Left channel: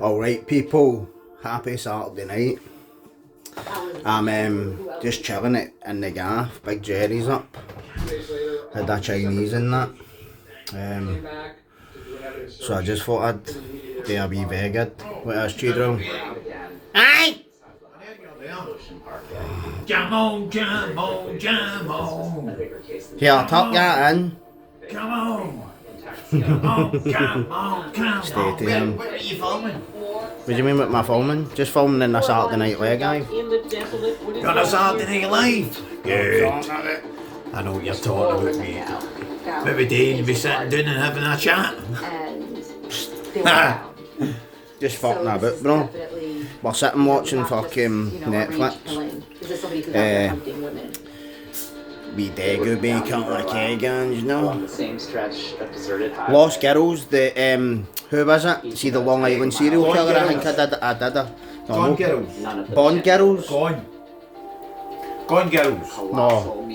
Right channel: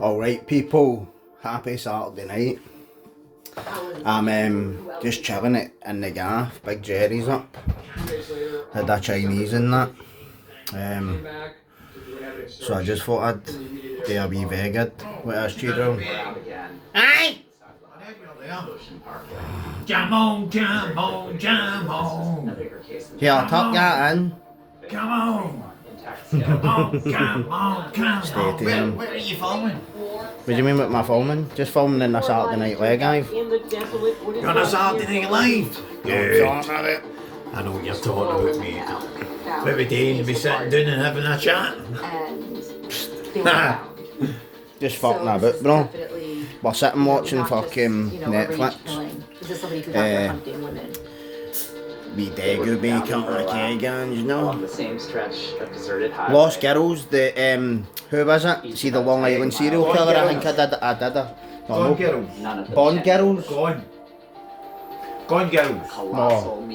Alright people, happy Saturday night. I'm just chilling it in the gaff, Big Jerry's up. Had a Chinese in that. So I just thought I'd do a wee vegad with us children. Aye! Jam on, jam on, jam on. Yeah, tuck that in. Come on. Come on, come on, come on. Stay tuned. What are you filming? What do you mean with my filming? Just filming in the Saturday Night Live, guys. Got a Saturday Night Live? Good. I know what you're talking about, mate. Every day you'll be sitting down and having a chat. Just fucking a bit, bro. We're sitting watching fucking Netflix. Wee Daegu bacon like egg, you know. Lost Girls, the who was it? See the Long Island serial killer, I think I did it. Gone Girls. Bond Girls? Gone Girls. No.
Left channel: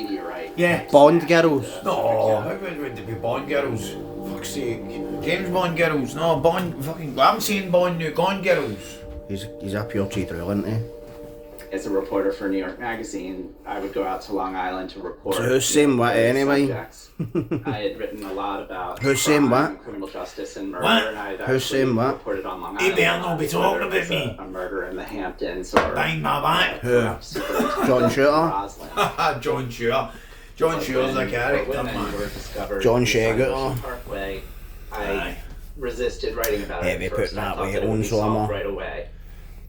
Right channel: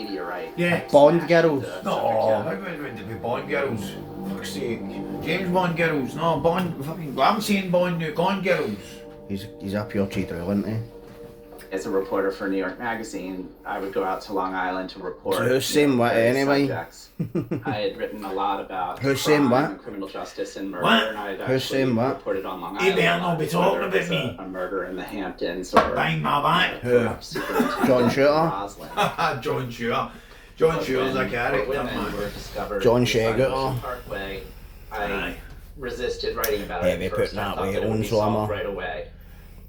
Yeah. Bond Girls. No, how would it be Bond Girls? Fuck's sake. James Bond Girls. No, Bond. Fucking. I'm saying Bond new. Gone Girls. He's a pure cheater, isn't he? As a reporter for New York Magazine, I would go out to Long Island to report. So who's saying what anyway? I had written a lot about who's saying what? Criminal justice and murder, What? and I had Who's saying what? reported on Long He Island. better not be talking about whether it me. was a murder in the Hamptons or Bang my back. John Shooter? Roslyn. John Shooter. John Shooter's a character, Women were man. discovered John beside Shager. Ocean Parkway. I resisted writing about it. Heavy at first. putting I that thought weight that it would on, be so I'm solved a- right away.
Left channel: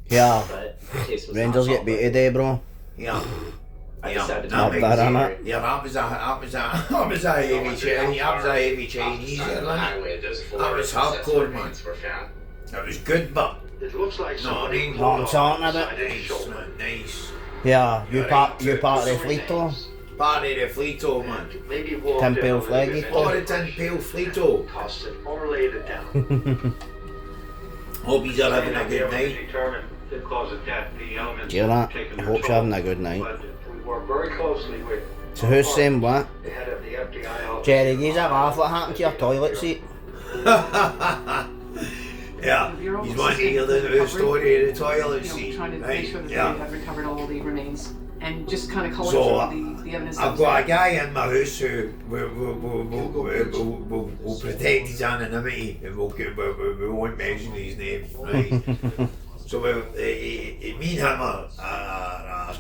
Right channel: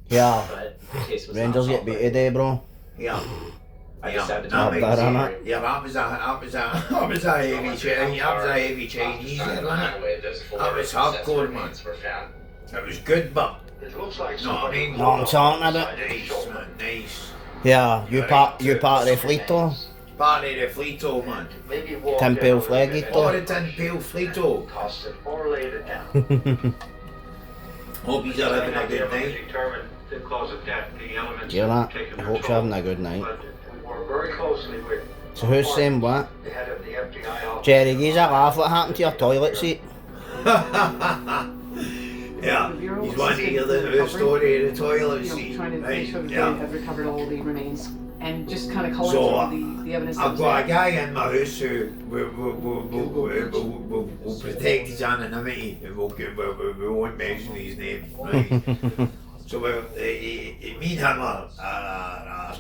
Yeah. But the case was Rangers not get solved beat right today, bro. Yeah. I decided Not to bad, make innit? it. Yeah, that was a heavy Chinese, that was a heavy Chinese, wasn't it? That was hardcore, man. That was good, but no, I mean, Know what I'm talking about? nice. Yeah, you part of the fleet, though. Part of the Fleeto, man. TinPail flaggy, Or the though. TinPail Fleeto. Hope he's having a good night. Hear that? I hope you're having a good night. So who's saying what? Jerry, give us a laugh. What happened to your toilet seat? Yeah, he's wanting to hear the story of the toilet seat, Trying to make right? sure that Yeah. they have recovered all the remains and just kind of So, collect the evidence. I've got a guy in my house who will protect his anonymity and we won't mention his name, right? So me and him are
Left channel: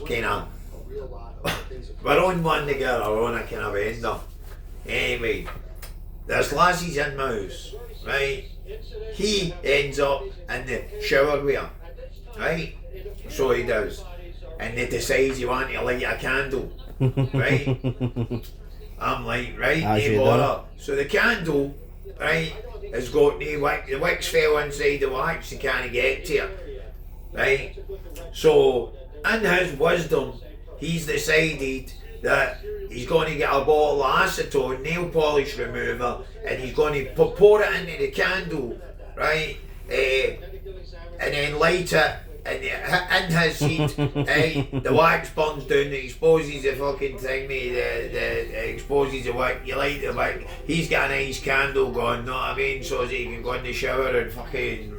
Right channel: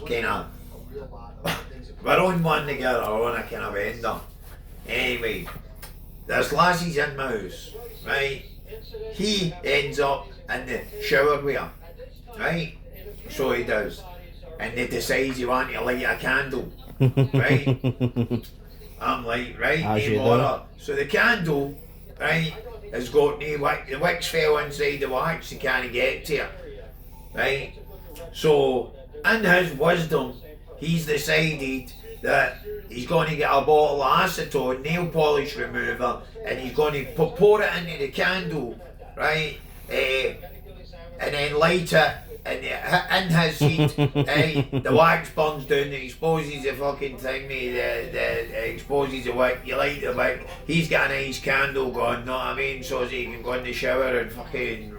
kind of, we're on one together, we're on a kind of ender. Anyway, this lassie's in my house, right? He ends up in the shower with her, right? So he does. And they decide you want to light a candle, right? I'm like, right, As you no do. bother. So the candle, right, has got the wicks fell inside the wax, you can't get to it, right? So, in his wisdom, he's decided that he's going to get a bottle of acetone, nail polish remover, and he's going to pour it into the candle, right? And then light it. And in his heat, the wax burns down, it exposes the fucking thing, the exposes the wick, you light the wick, he's got a nice candle going, know what I mean, so that he can go in the shower and fucking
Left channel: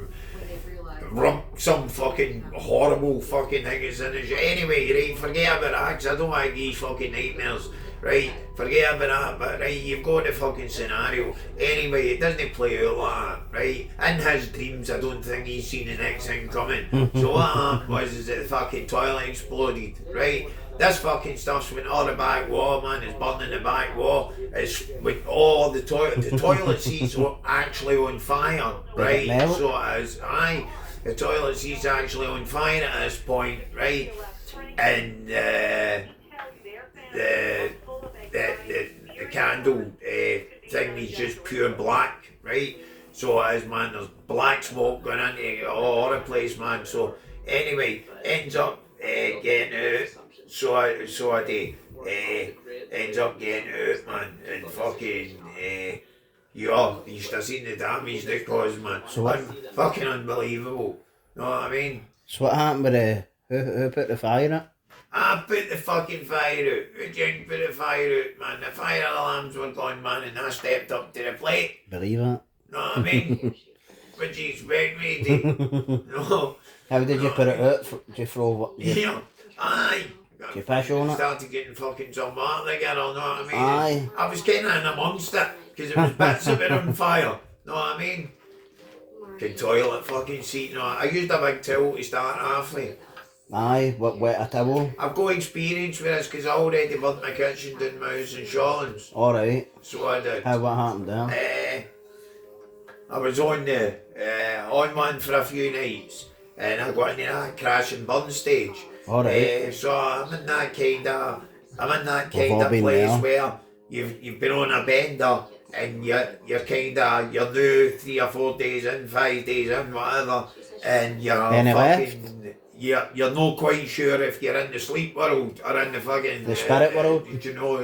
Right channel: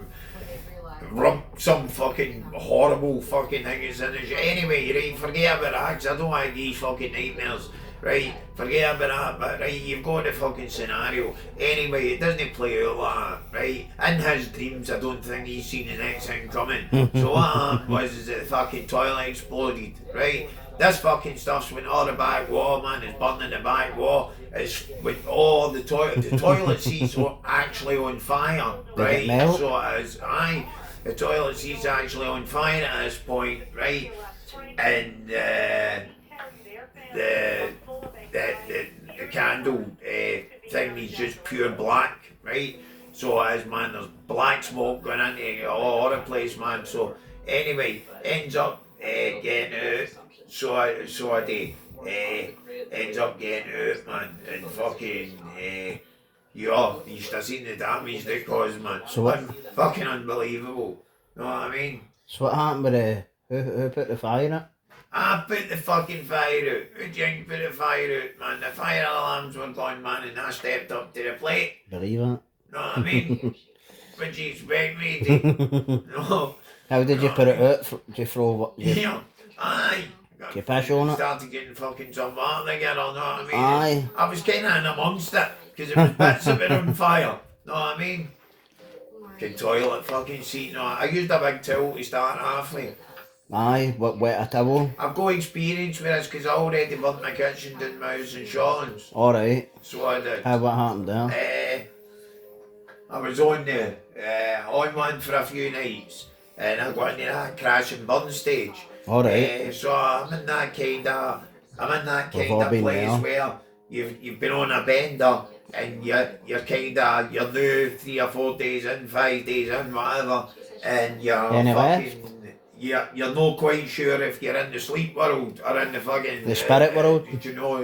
rump some fucking horrible fucking thing that's in the shower. Anyway, right, forget about that, 'cause I don't like these fucking nightmares. Right, forget about that, but right, you've got the fucking scenario. Anyway, it doesn't play out like that, right? In his dreams, I don't think he's seen the next thing coming. So what happened was is that the fucking toilet exploded, right? This fucking stuff's went all the back wall, man, it's burning the back wall. It's with all the toilet seats were actually on fire, right? So it is, the toilet seat's actually on fire at this point, right? And the candle thing is just pure black, right? So it is, man, there's black smoke going into all over the place, man. So anyway, ends up getting out, so I do, ends up getting out, man, and fucking, yeah, you should have seen the damage they caused, man. So fucking unbelievable, know what I mean? So what happened with the... Who put the fire in it? I put the fucking fire out. Who Jink put the fire out, man? The fire alarms were gone, man, and I stepped up to the plate. Believe it. Know what I mean? What do you expect me to? No. How did you put it out? Did you throw what? Yeah. Aye. Did you piss on it? Started getting fucking some water again, know what I mean? Aye. I was kind of in amongst it, because it was bits of it on fire, know what I mean? Good toilet fucking seat, no. I used a big towel to start off with. Aye, what, wet a towel? I've got experience with this, because I already burnt my kitchen down my house in Shawlands. Alright. So I did. How, what happened there? I was on one for a few nights, and I got into that crash and burn stage. Alright. So I'm in that kind of We've all been place there. where you've been on a bender, and you're new 3 or 4 days in, 5 days in, whatever, and you're Any fucking you're not quite sure if you're in the sleep world or in the fucking The spirit world? you know,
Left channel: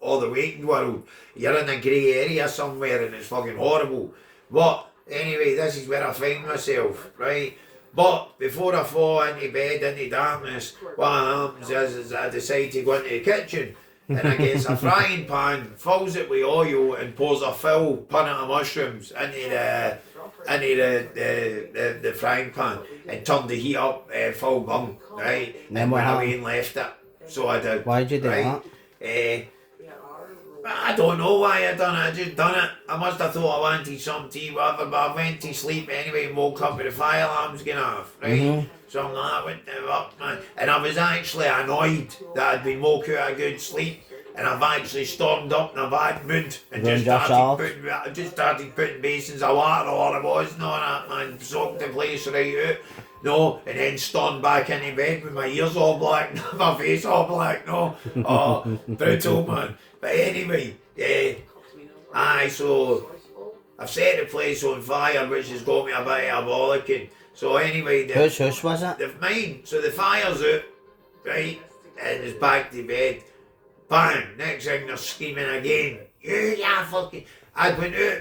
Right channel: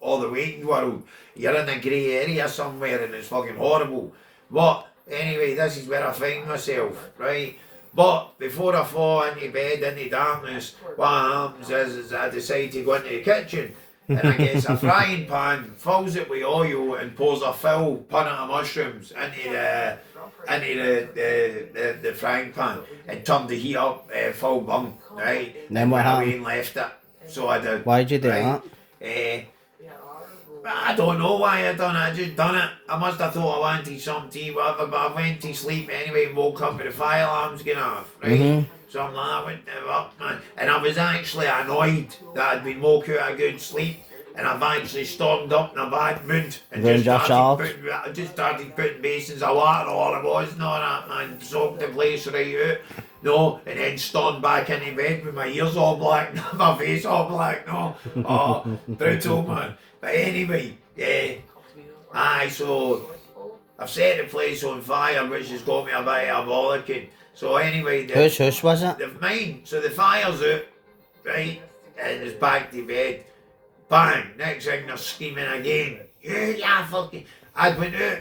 or the waking world. You're in a grey area somewhere, and it's fucking horrible. But anyway, this is where I find myself, right? But before I fall into bed, into darkness, what happens is I decide to go into the kitchen, and I get a frying pan, fills it with oil, and pours a full punnet of mushrooms into the frying pan, and turn the heat up full bung, right? Then And what went away happened? and left it. So I did. Why'd you do right? I don't know why I done it, I just done it. I must have thought I wanted some tea, whatever, but I went to sleep anyway and woke up with the fire alarms going off, right? So I'm like, what the fuck, man? And I was actually annoyed that I'd been woke out of good sleep, and I've actually stormed up in a bad mood and Ruined yourself. just started putting basins of water all it was, no, that man, soaked the place right out. No, and then stormed back into bed with my ears all black, my face all black, no. Oh, brutal, man. But anyway, aye, so I've set the place on fire, which has got me a bit bollocking. So anyway, Whose house was it? mine, so the fire's out, right, and it's back to bed. Bang, next thing they're screaming again. Yeah, fucking, I went out.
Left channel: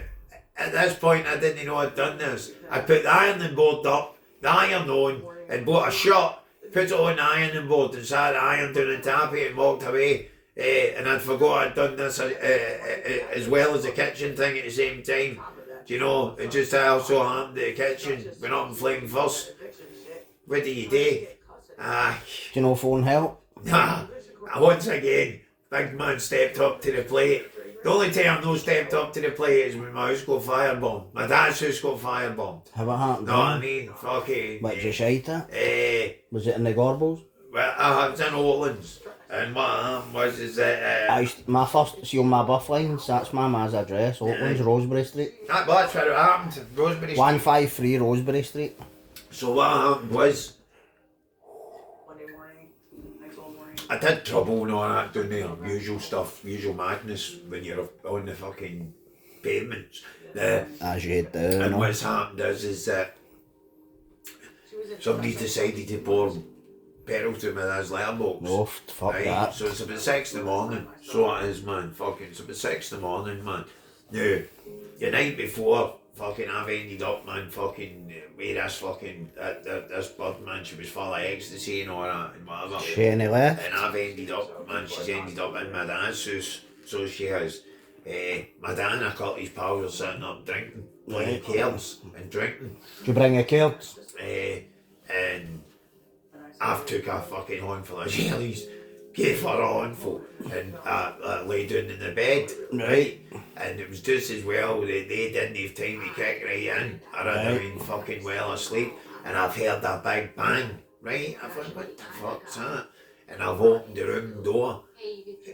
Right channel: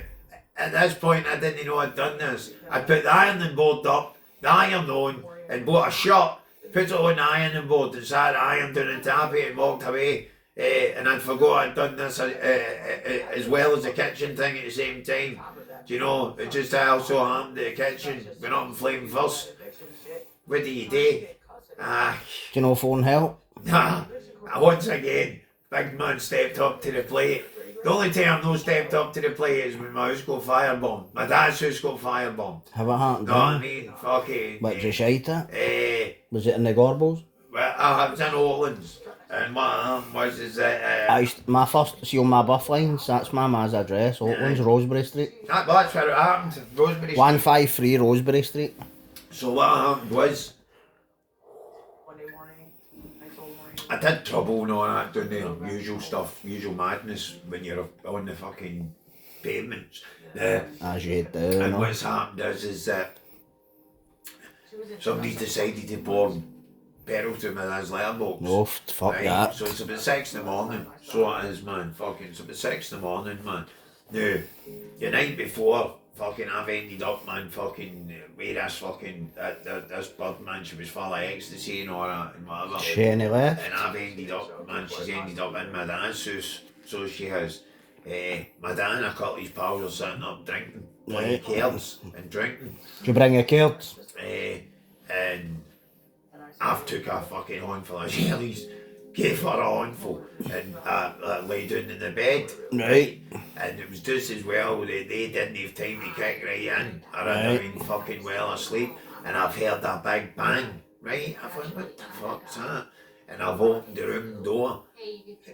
At this point, I didn't know I'd done this. I put the ironing board up, the iron on, and bought a shirt, put it on the ironing board, and sat the iron down and tap it and walked away. And I'd forgot I'd done this as well as the kitchen thing at the same time. Do you know, it just also happened that the kitchen went up in flame first. What do you do? Do you know phone help? Nah, once again, big man stepped up to the plate. The only time I've not stepped up to the plate is when my house got firebombed. My dad's house got firebombed. How it happened Know what I there? mean? Fucking. What, did you shite it? Was it in the Gorbals? Well, I was in Oatlands, and what happened was that My first, see on my buff lines, that's my ma's address, Oatlands, Rosebery Street. that's where it happened. Rosebery Street. 153 Rosebery Street. So what happened was Monday morning, nice old morning. I did trouble and all that down there, usual stuff, usual madness when you're on the fucking pavements. As you do, And no? what's happened is that somebody decided to pour petrol through my dad's letterbox. No, fuck Right, that. so it's about 6 in the morning. So it is, man. Fucking, it's about 6 in the morning, man. Now, the night before, fucking, I've ended up, man, fucking, with this fucking, this bird, man, she was full of ecstasy and all that and whatever. She any left? And I've ended up, man, she's ended up in my dad's house. So she has. My dad and a couple of his pals are sitting up drinking, playing cards and drinking. Did you bring your kids? And I've took a fucking handful of jellies, gave her a handful, and I lay down in the bed, right? And it was just as well that they didn't have time to kick right in, or I'd have been fucking well asleep, and I've heard a big bang, right? I thought, what the fuck's that? And I've opened the room door.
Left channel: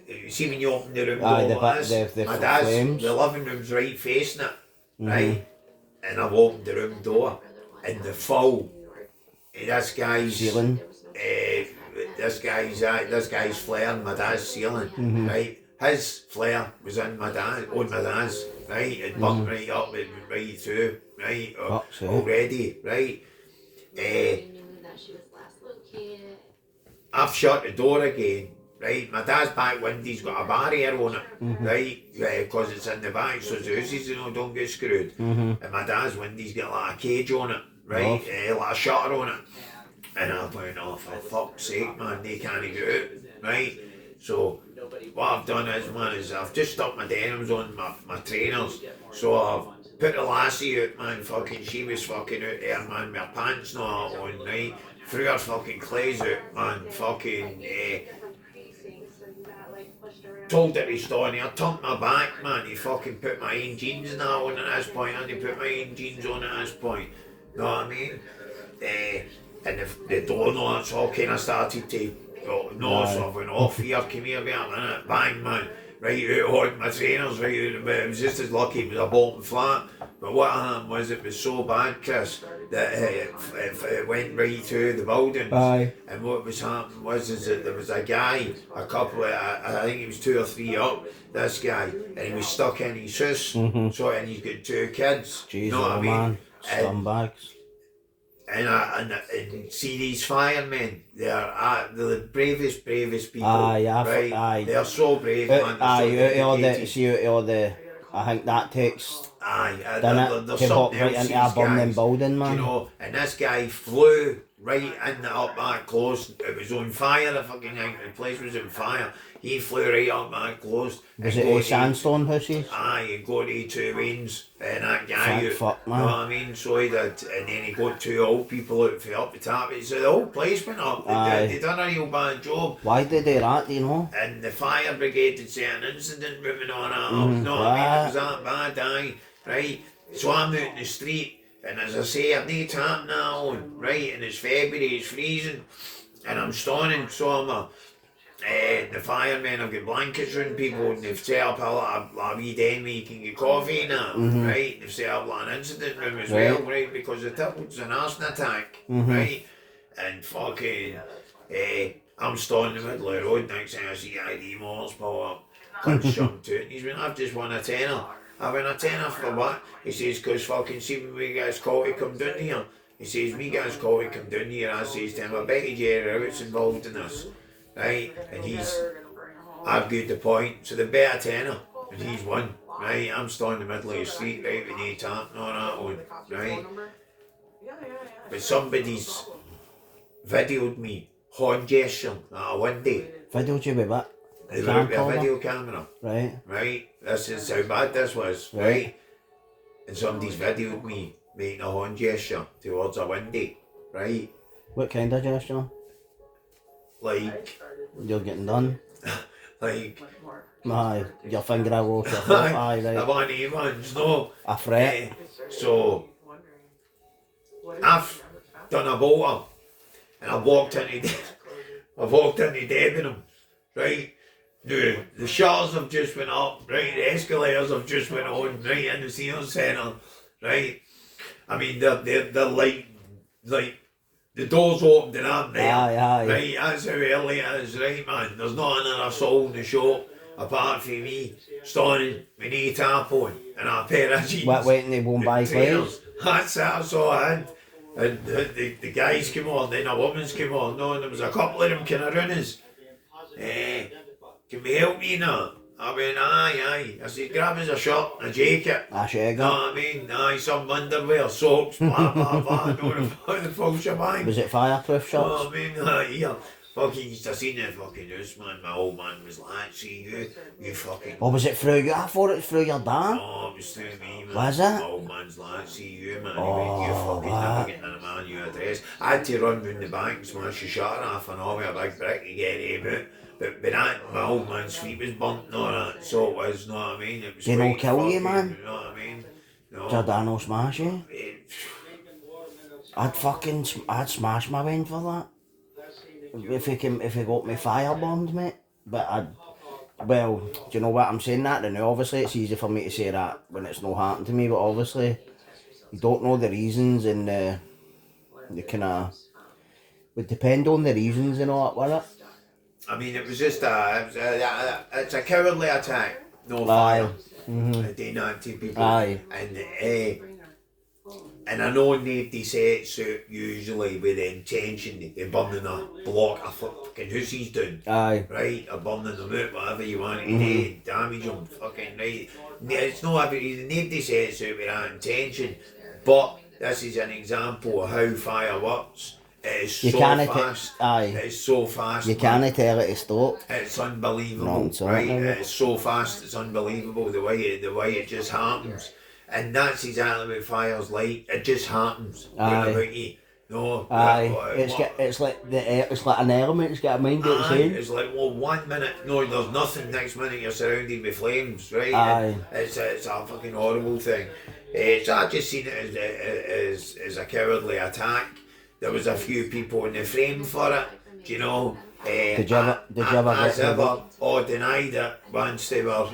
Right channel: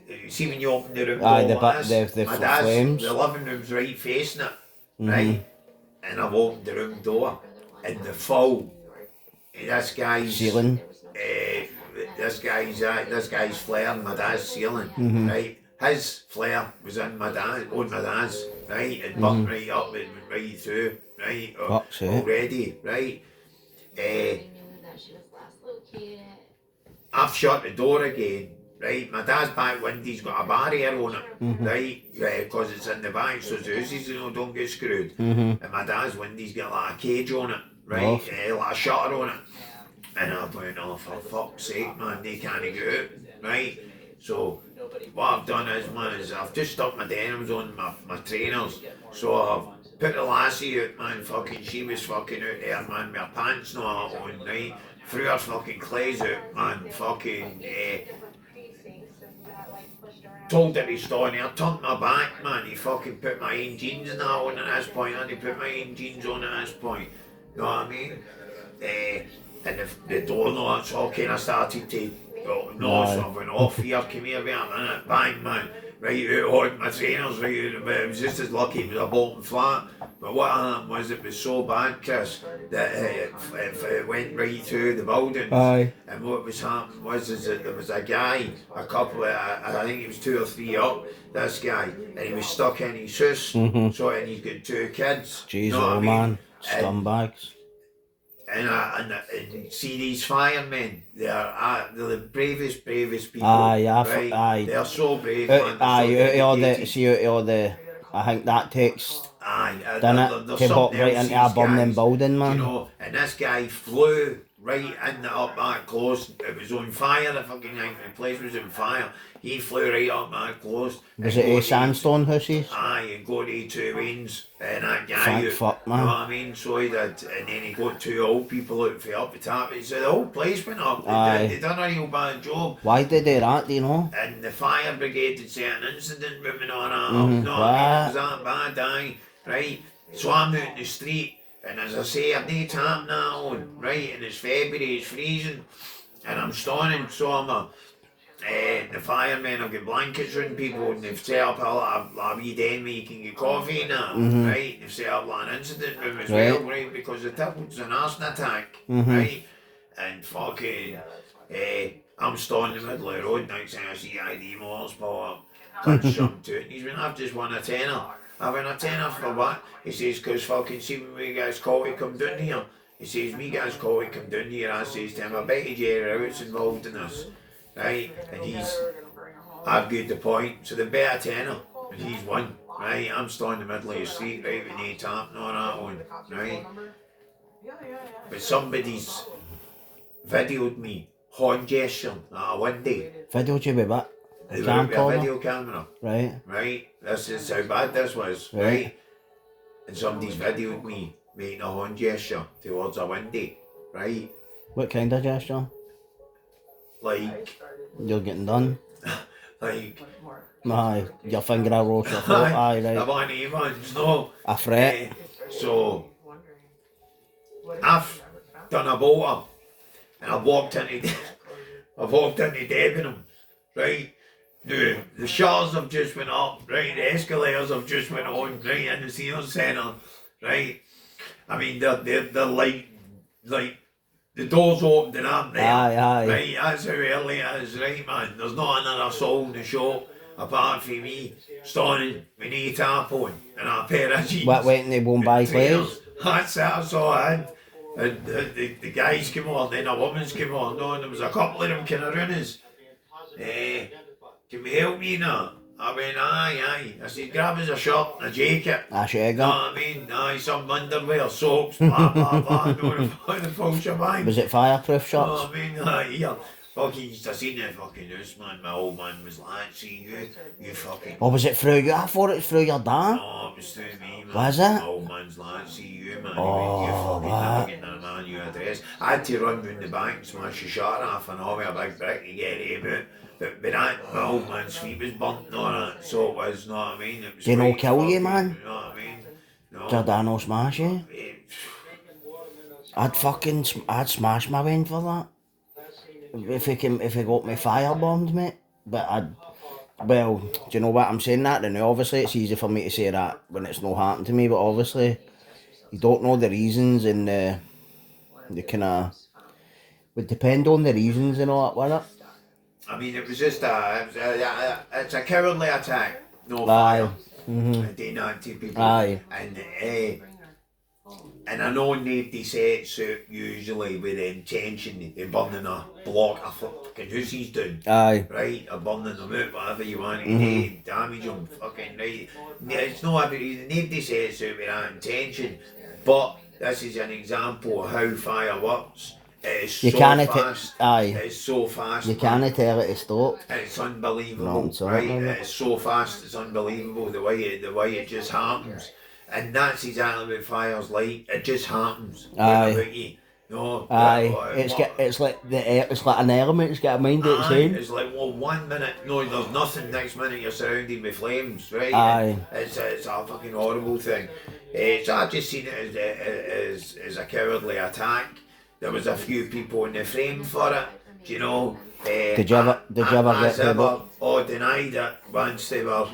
You see when you open the room door like this, the my dad's, flames. the living room's right facing it, right? And I've opened the room door, and the full, this guy's Ceiling. this guy's flare in my dad's ceiling, right? His flare was in my dad's, right? It burnt right up, it went right through, right? Fuck's sake. Already, right? I've shut the door again, right? My dad's back window's got a barrier on it, right? Because it's in the back, so the houses, don't get screwed. And my dad's window's got like a cage on it, right? Like a shutter on it. And I went, oh, for fuck's sake, man, they can't get out, right? So what I've done is, man, I've just stuck my denims on, my trainers. So put the lassie out, man, fucking, she was fucking out there, man, with her pants not on, right? Threw her fucking clothes out, man, fucking, told her to stay there, turned my back, man, he fucking put my own jeans and that on at this point, and he put my own jeans on at this point, you know what I mean? And the door knocks, all kind of started to, no, so I went off here, come here, wait a minute, bang, man. Right out on my trainers, right out, but it was just as lucky it was a bolting flat. But what happened was it was so bad, Chris, that it went right through the buildings. Aye. And what was happening was is that there was a guy, a couple of, I think he was 2 or 3 up, this guy, and he was stuck in his house, so, and he's got 2 kids. Jeez, you know what I mean? man, scumbags. And see these firemen, they're the bravest people, Aye, right? aye. They're so brave, man. Aye, out of all the, I think that takes, aye, done there's it, to hop something right else into a these burning guys, building, man. you know, and this guy flew right in the up that close. It was on fire, the fucking thing, the place was on fire. He flew right up that close. Was it a sandstone houses? Aye, he got to 2 wings, and that guy, Thank out, fuck, you man. know what I mean? So he did, and then he got 2 old people out for up the top. So the whole place went up. They done a real bad job. Why did they do that, do you know? And the fire brigade had set an incident room and all that up, you know what I mean? It was that bad, aye, right? So I'm out in the street, and as I say, I've no tap now on, right? And it's February, it's freezing, and I'm standing, so I'm the firemen have got blankets around people, and they've set up a wee den where you can get coffee and that, right? They've set up like an incident room as well, right? Because the tip was an arson attack, right? And fucking, I'm standing in the middle of the road, next thing I see ID motors pull up, punch something to it, and he's went, I've just won a tenner. I went, a tenner for what? He says, cause fucking see when we get his call to come down here. He says, me get his call to come down here, I says to him, I bet you Jerry Rout's involved in this. Right, and he's argued the point, so they bet a tenner, and he's won, right? I'm standing in the middle of the street, right, with no tap and all that on, right? But somebody's videoed me horn gesturing at a window. Videoed you with what? They were out with a video camera, Right. This is how bad this was, right? And somebody's videoed me making a horn gesture towards a window, right? What kind of gesture? Like, You're getting done. like, Aye, your finger across your throat, aye, the right. one ones, no. A threat. So, I've done a bolter, and I've walked into Debenham, right? The shutters have just went up, right? The escalators have just went on, right, in the senior centre, right? I mean, they're like, the door's opened and I'm there, Aye. right? That's how early it is, right, man? There's not another soul in the shop apart from me standing with no tap on and a pair of jeans. Waiting to go and buy clothes. That's all I had. And the guys came on, then the women's came on, no, and there was a couple of them kind of runners. Can we help me now? I went, aye. I said, grab us a shirt, a jacket. A shagger. No, I mean, aye, some underwear, socks, blah, no, the full shebang. Was it fireproof Oh, shots? I mean, yeah. Fucking used to see the fucking house, man. My old man was like, see you fucking... Or was it through you? I thought it was through your dad. No, it was through me, man. Was it? My old man's like, see you, man. He went, you fucking never getting a man your address. I had to run round the bank and smash the shutter off and all with a big brick to get him out. But that, my old man's feet was burnt and all that, so it was, know what I mean? It was Did he quite not kill you, fucking, man? You know what I mean? No. Did your dad not smash you? I'd smash my wing for that. If he got me firebombed, mate. But well, do you know what I'm saying that? And obviously it's easy for me to say that when it's not happened to me, but obviously you don't know the reasons and the kind of would depend on the reasons and all that, with it. I mean, it was just it's a cowardly attack. No Aye. fire. Doing that to people. Aye. And I know nobody sets out usually with the intention of burning a block of fucking houses down. Aye. Right? Or burning them out, whatever you want to do, damage them, fucking right. It's not nobody sets out with that intention. But this is an example of how fire works. It's You so can't fast. It's so fast. You can't tell it to stop. It's unbelievable, No, it's not, right? no. It's so fast. It's unbelievable the way it just happens. And that's exactly what fire's like. It just happens. Aye. About you. No. Aye, what- it's like it's like an element. It's got a mind of its Aye, own. it's like, well, 1 minute, no, there's nothing. Next minute, you're surrounded with flames, right? Aye. And it's a fucking horrible thing. So I just seen it as a cowardly attack. There was a few people in the frame for it, do you know. Did you ever as get ever, or denied it once they were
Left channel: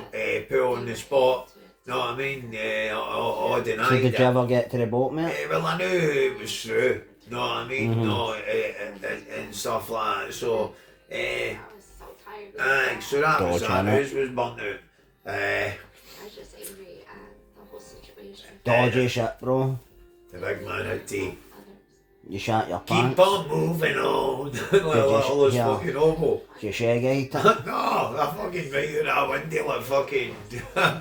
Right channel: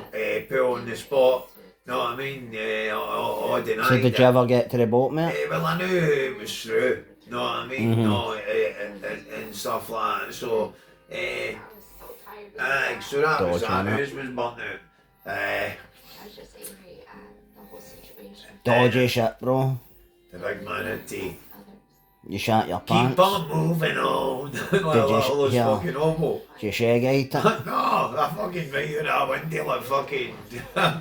put on the spot. Know what I mean? Or denied So did it. you ever get to the boat, mate? Well, I knew it was true. Know what I mean? Mm-hmm. No, and stuff like that. So, so that was Dodge, that. innit? His was burnt out. Dodgy shit, bro. The big man had to You shat your keep pants. on moving on. Like all those yeah. fucking homo. You shag ate it. No, I fucking right out that window like fucking.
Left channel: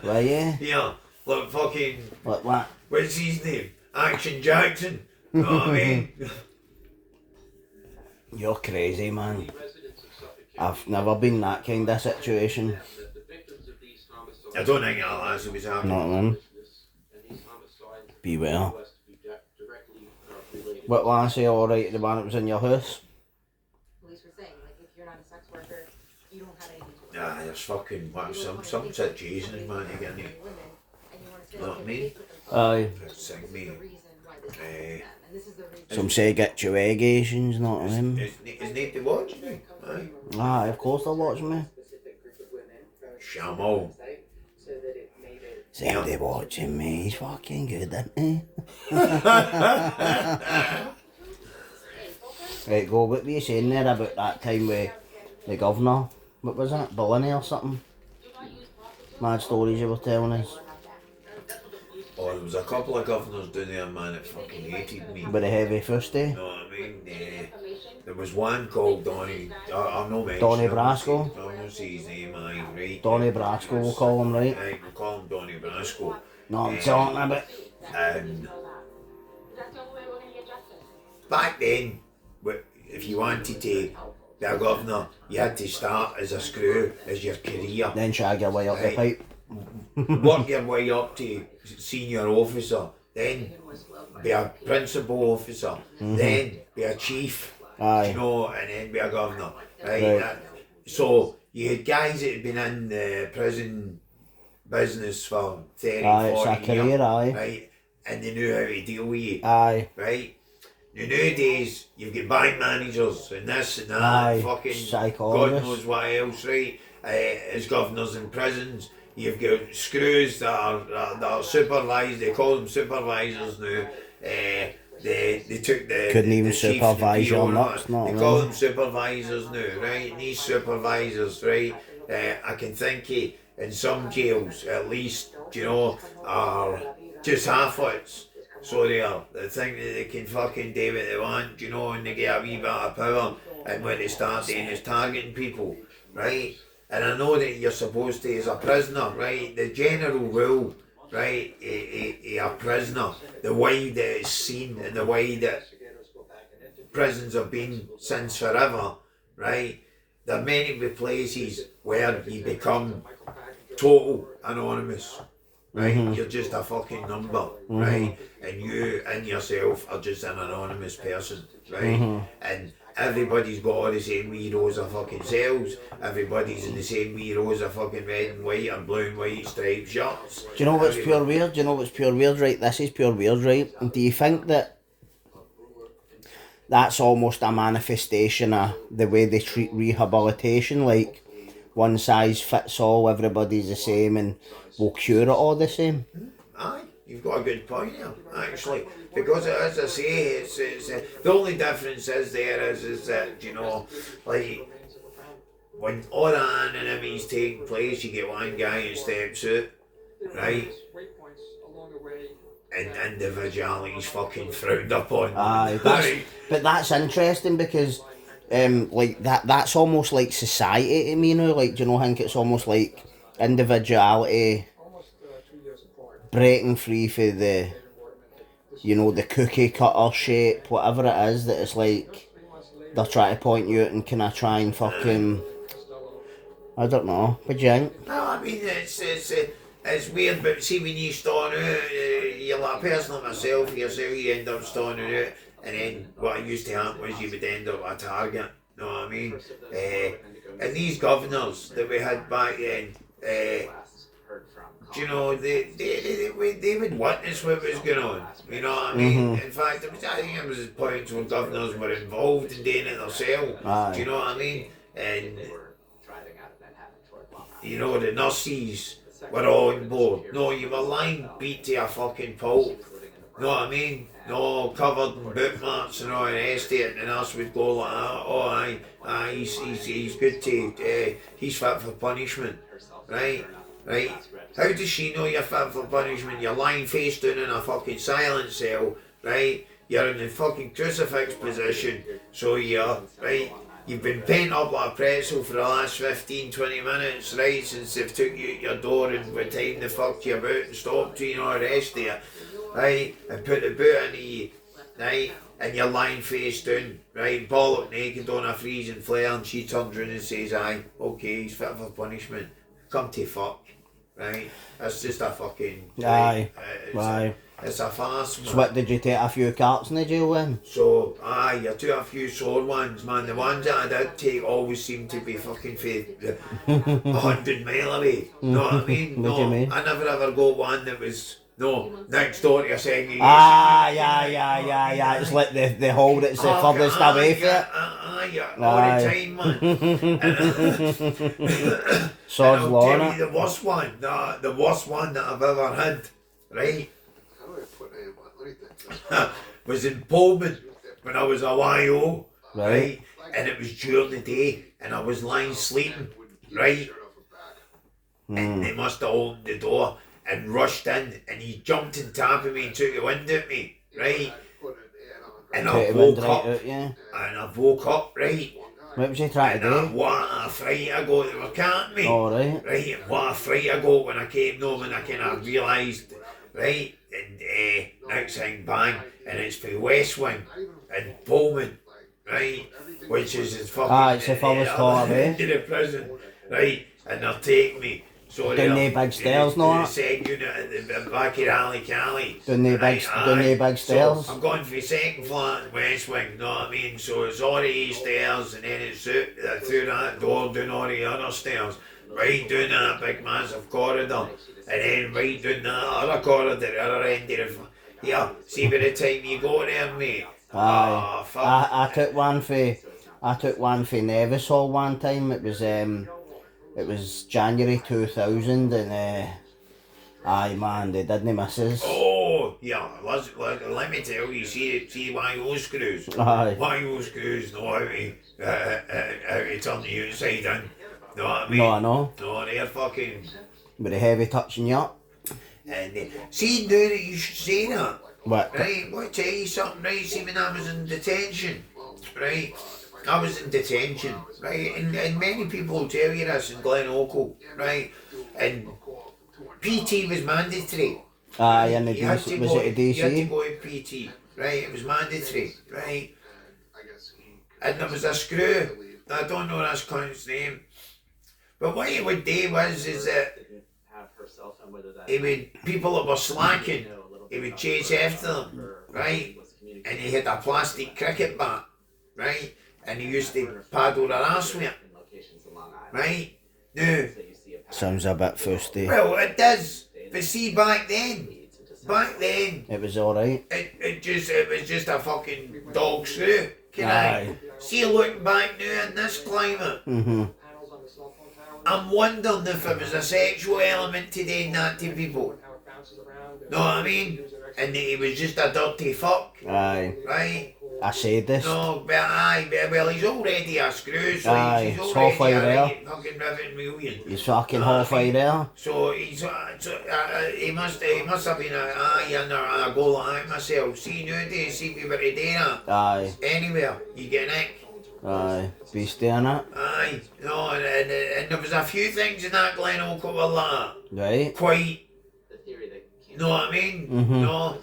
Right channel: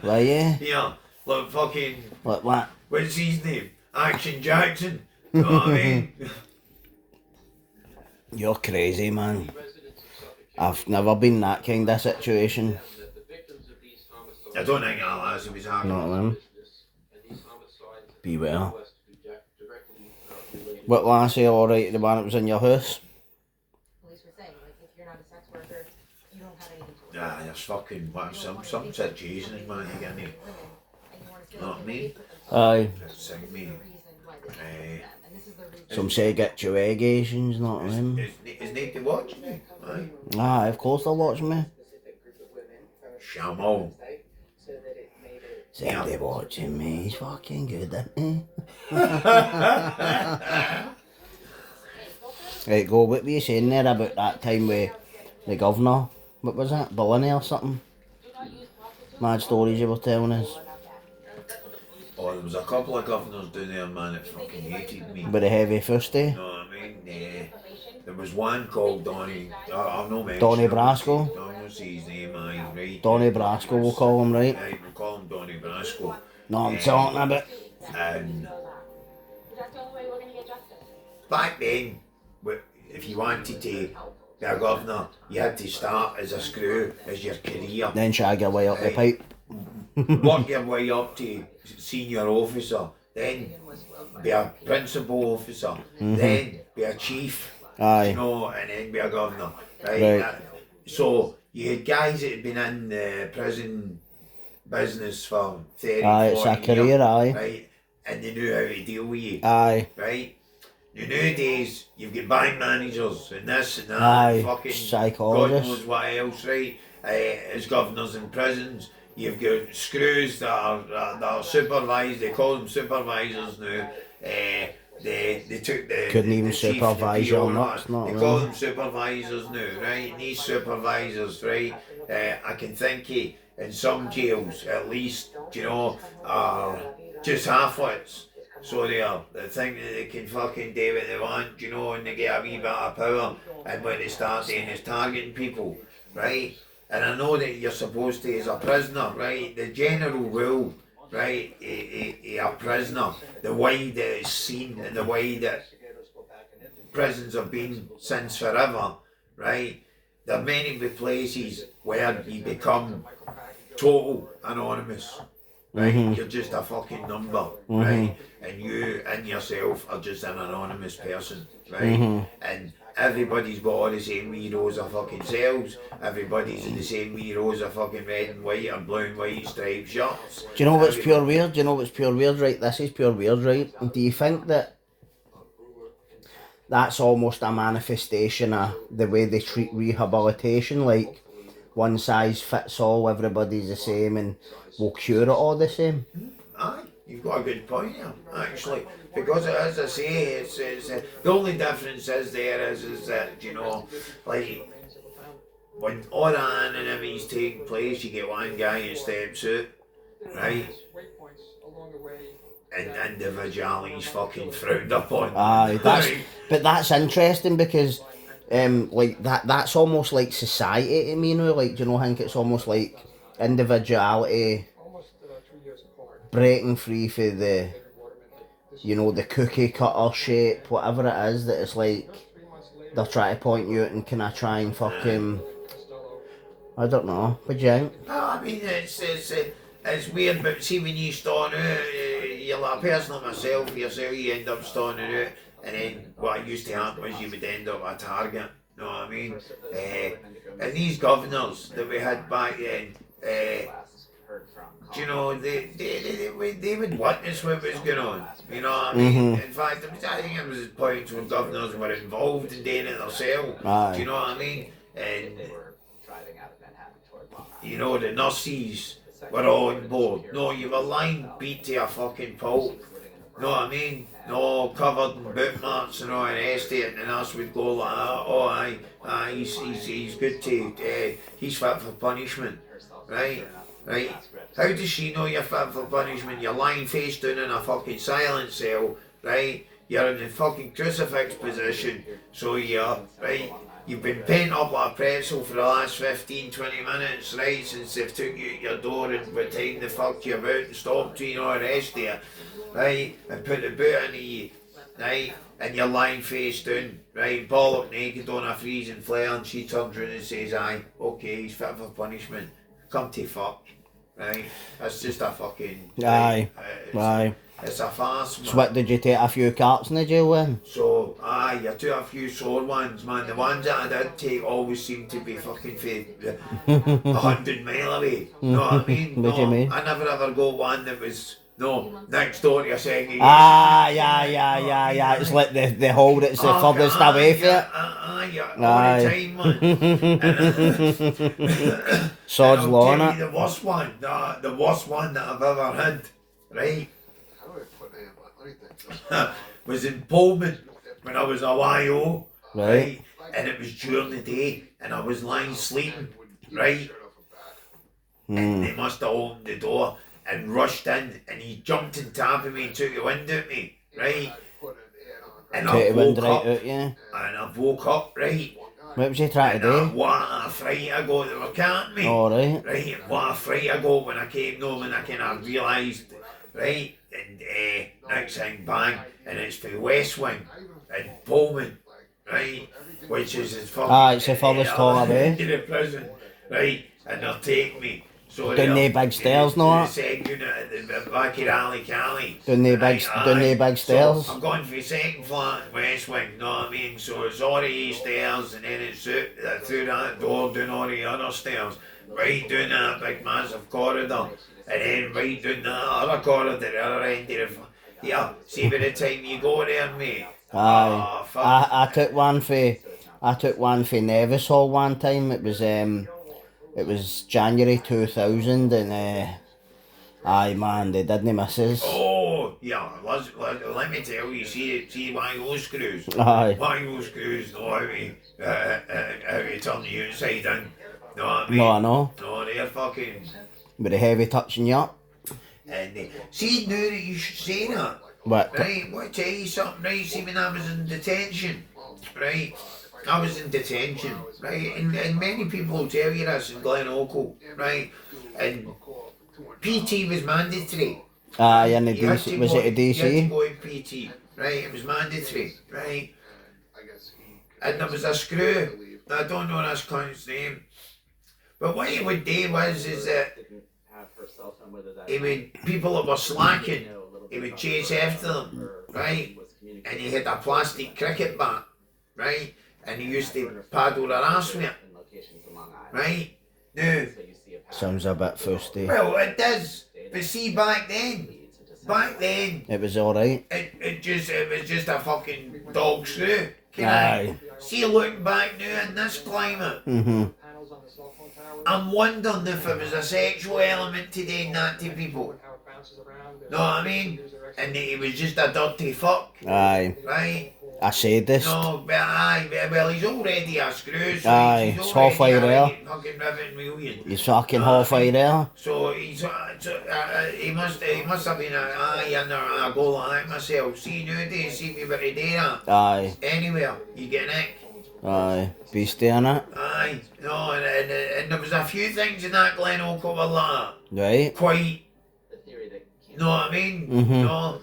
Were you? Yeah, like fucking. Like what? What's his name? Action Jackson. Know what I mean? You're crazy, man. I've never been in that kind of situation. I don't think I'll last if he's happening. Not them. Beware. What lassie, alright, the one that was in your house? Police were saying, like, if you're not a sex worker, you don't have anything to Nah, there's fucking some situations, man, you get me. Know what I mean? Aye. Sing me. Some say get your allegations, not them. Is Nate watching me? Aye. Aye, of course they're watching me. Shamo. Say they watching me, he's fucking good, isn't he? Right, go, what were you saying there about that time with the governor? What was it? Bologna or something? Mad stories you were telling us. Oh, there was a couple of governors down there, man, that fucking hated me. With a heavy fusty. You know what I mean? There was one called Donny. I'm not mentioning. Donny Brasco? I'm going to say his name, aye, right? Donny Brasco, we'll call him, right? Right, we'll call him Donny Brasco. No, I'm talking about. And back then, if you wanted to be a governor, you had to start as a screw, as your career. Then shag your way up the pipe. Work your way up to senior officer, then be a principal officer, then be a chief, Aye. you know, and then be a governor. Right? Right. So you had guys that had been in the prison business for 30, Aye, it's 40 a career, years, aye. right? And they knew how to deal with you, Aye. right? Now nowadays, you've got bank managers and this and that, Aye, fucking God psychologists. knows what else, right? As governors in prisons, you've got screws that are supervised, they call them supervisors now. They took the Couldn't even the chief, supervise the your PO, nuts, not they call really. them supervisors now, right? And these supervisors, right? I can think of in some jails at least, you know, are just half-wits. So they think that they can fucking do what they want, you know, and they get a wee bit of power, and what they start doing is targeting people, right? And I know that you're supposed to, as a prisoner, right, the general rule, right, a prisoner, the way that it's seen and the way that prisons have been since forever, right, there are many places where you become total anonymous. Right, you're just a fucking number, right? And you and yourself are just an anonymous person, right? And everybody's got all the same wee rows of fucking cells. Everybody's in the same wee rows of fucking red and white and blue and white striped shirts. Do you know what's pure weird? Do you know what's pure weird, right? This is pure weird, right? And do you think that that's almost a manifestation of the way they treat rehabilitation? Like, one size fits all, everybody's the same, and we'll cure it all the same? Aye, you've got a good point there, actually. Because as I say, it's the only difference is that, you know, like, when all the anonymity's taking place, you get one guy who steps out, right? And individuality's fucking frowned upon. Aye, Right? but that's interesting because, like, that's almost like society to me, you know? Like, do you know, I think it's almost like individuality breaking free for the, you know, the cookie cutter shape, whatever it is, that it's like they're trying to point you out and can I try and fucking, I don't know, what do you think? No, I mean, it's weird, but see when you storm out, you're like a person like myself, you end up storming out, and then what used to happen was you would end up a target, you know what I mean? And these governors that we had back then, you know, they would witness what was going on, you know what I mean? In fact, I think it was points when governors were involved in doing it themselves, do you know what I mean? And, you know, the nurses were all on board. No, you were lying beat to a fucking pulp, you know what I mean? No, covered in boot marks and all the rest of it, and the nurse would go like, oh aye, he's good to, he's fit for punishment, right? Right? How does she know you're fit for punishment? You're lying face down in a fucking silent cell, right? You're in the fucking crucifix position, so you're, right? You've been pent up like a pretzel for the last 15-20 minutes, right? Since they've took you at your door and by the time they fucked you about and stopped you and all the rest of it, right? And put the boot in you, right? And you're lying face down, right? Ball up naked on a freezing flare, and she turns around and says, aye, okay, he's fit for punishment. Come to fuck, right? That's just a fucking... Aye, right? It's a farce, man. So what, did you take a few carts in the jail then? So, aye, I took a few sore ones, man. The ones that I did take always seemed to be fucking for 100 mile away. Know what I mean? What do you mean? I never ever got one that was, next door to a segregation. Yeah. It's like the hole that's the furthest away from it. All the time, man. Sod's law, and I'll tell innit? you the worst one, the worst one that I've ever had, right? was in Pullman when I was a YO, right? And it was during the day, and I was lying sleeping, right? And they must have opened the door and rushed in, and he jumped on top of me and took the wind out of me, right? And I woke up, and I woke up, right? What was you trying to do? What a fright I got, they were counting me. Alright. Right, and what a fright I got when I came home and I kind of realised, right? And next thing, bang, and it's the West Wing in Pullman, right? Which is as fucking... it's the furthest hall away. Into the prison, right? And they'll take me. So Down the big stairs, no? The second unit at the back of Alley Cali. Down the big stairs. So I'm going for the second flat in West Wing, know what I mean? So it's all the stairs, and then it's through that door, down all the other stairs, right down that big massive corridor, and then right down that other corridor, the other end of the... Yeah, see by the time you go there, mate. Aye. Oh, fuck. I took one for Nevis Hall one time. It was January 2000, and aye man, they didn't miss us. Oh, yeah, let me tell you, see YO screws. Aye. YO screws know how to turn the outside in. Know what I mean? No, I know. No, they're fucking... With a heavy touching you up. And see, now that you should say that, What? right, I want to tell you something, right, see when I was in detention, right, I was in detention, right, and many people will tell you this in Glen Oakle, right, and PT was mandatory. Aye, and the DC, was it a DC? You had to go to PT, right, it was mandatory, right, and there was a screw, I don't know this cunt's name, but what he would do is that people that were slacking, he would chase after them, right? And he had a plastic cricket bat, right? And he used to paddle their arse with it, right? Now, Sounds a bit fusty. well, it does, but see, back then, It was alright. it was just a fucking dog screw. Can Aye. I see, looking back now in this climate, I'm wondering if there was a sexual element to doing that to people. Know what I mean? And he was just a dirty fuck, Aye. right? A sadist. No, but well, he's already a screw, so Aye, he's it's already halfway a there. right fucking rivet million. He's fucking Know what I halfway mean? there. So he must have been I go like that myself. See nowadays, see people to do that. Aye. Anywhere, you get nick. Aye. Beastie innit? Aye, no, and there was a few things in that Glen Oakle were like Right. quite, you know what I mean? No,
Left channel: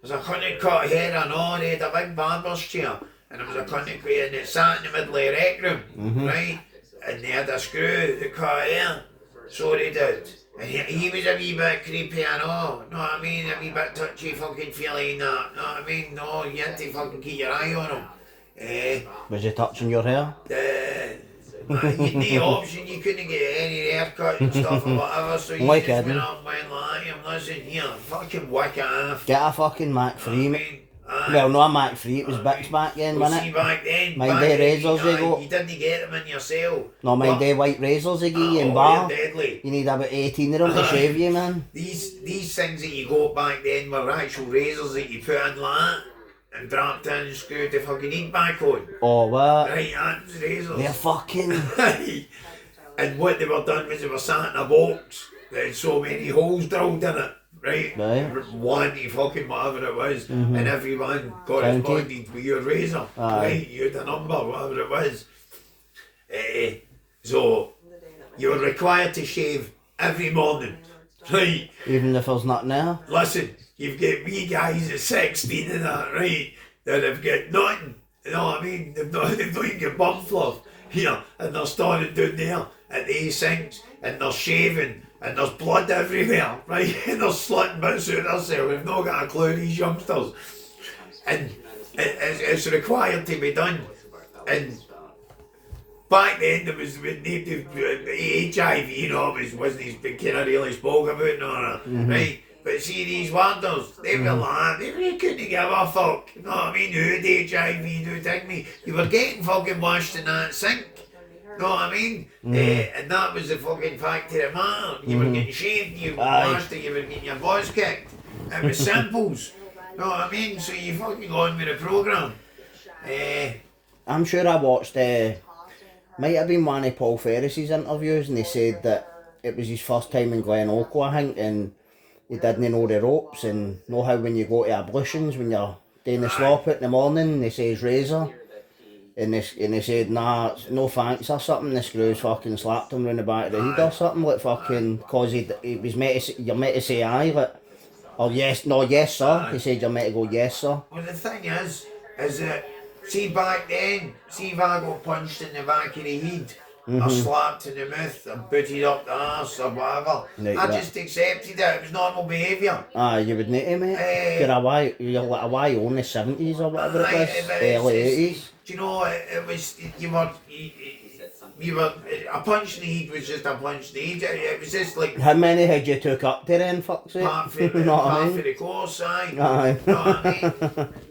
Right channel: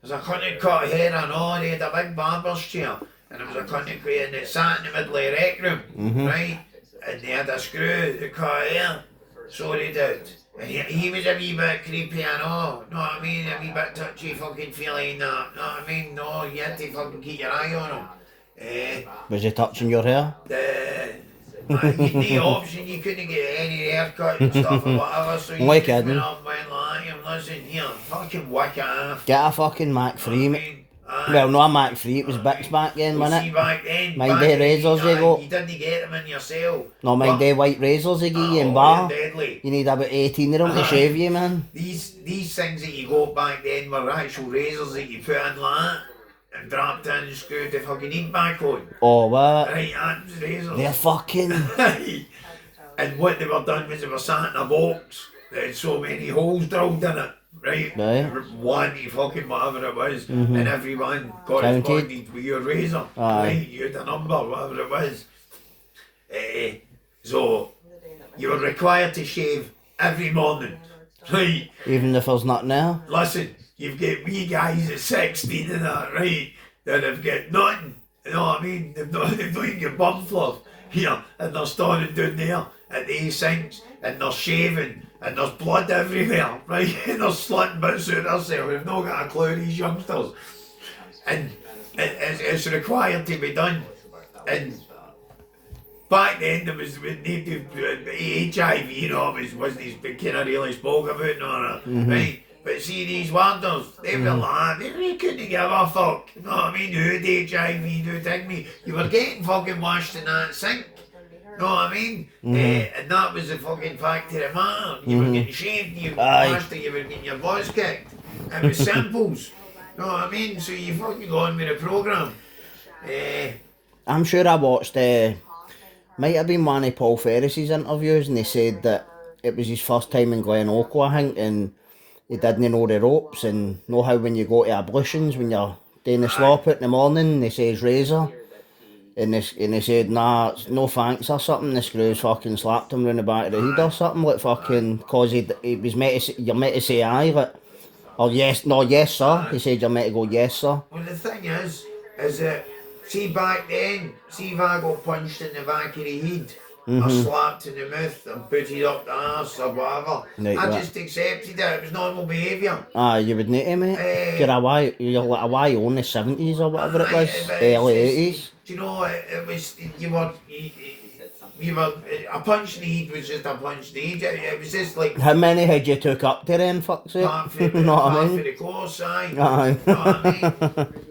there's a cunt that cut hair and all, they had a big barber's chair, and there was a cunt that and it sat in the middle of the rec room, right? And they had a screw that cut hair, so they did. And he was a wee bit creepy, I know what I mean? A wee bit touchy fucking feeling that, know what I mean? No, you had to fucking keep your eye on him. Was he touching your hair? You'd no option, you couldn't get any haircut and stuff or whatever, so you Why just kidding? went up and went like him, listen here, fucking whack it off. Get a fucking Mac 3, I mate. mean, Well, not a Mac 3, it was Bix back then, well, wasn't see it? back then, Mind back the then, razors they got? you didn't get them in yourself. No, mind the white razors they give you in bar. Deadly. You need about 18 of them to shave you, man. These things that you got back then were actual razors that you put in like that and dropped in and screwed the fucking heat back on. Oh, what? Right, that's razors. They're fucking... And what they were done was they were sat in a box that had so many holes drilled in it. Right? One, fucking whatever it was, and everyone corresponded with your razor. Right? You had a number, whatever it was. So you were required to shave every morning. Right? Even if there's nothing there. Listen, you've got wee guys at 16 and that, right? That have got nothing. You know what I mean? They've not even got bum fluff here, and they're standing down there at the sinks, and they're shaving, and there's blood everywhere, right? And they're slitting bits out of themselves. They've not got a clue, these youngsters. And it's required to be done. And back then there was HIV, you know, wasn't kind of really spoke about, no, right? But see, these wonders, they were like, they couldn't give a fuck. You know what I mean? Who had HIV, who did me? You were getting fucking washed in that sink. You know what I mean? And that was the fucking fact of the matter. You were getting shaved, you were washed, you were getting your balls kicked. It was simples. You know what I mean? So you fucking go on with the programme. I'm sure I watched, might have been one of Paul Ferris's interviews, and he said that it was his first time in Glenorchy, I think, and he didn't know the ropes, and know how when you go to ablutions, when you're doing the slop out in the morning, they say razor. And they said, nah, no thanks or something. The screws fucking slapped him round the back of the head or something, like fucking, cause he was meant to say, you're meant to say aye, like, or yes, no, yes sir. He said you're meant to go yes sir. Well, the thing is that, see back then, see if I got punched in the back of the head, or slapped in the mouth, and booted up the arse or whatever, I just accepted it. It was normal behaviour. You would need to, mate. You're like a why only 70s or whatever it was, early 80s. Do you know, it was, you were, a punch in the head was just a punch in the head. It was just like... How many had you took up to then, fuck's sake? Part for the course, aye. You know what I mean?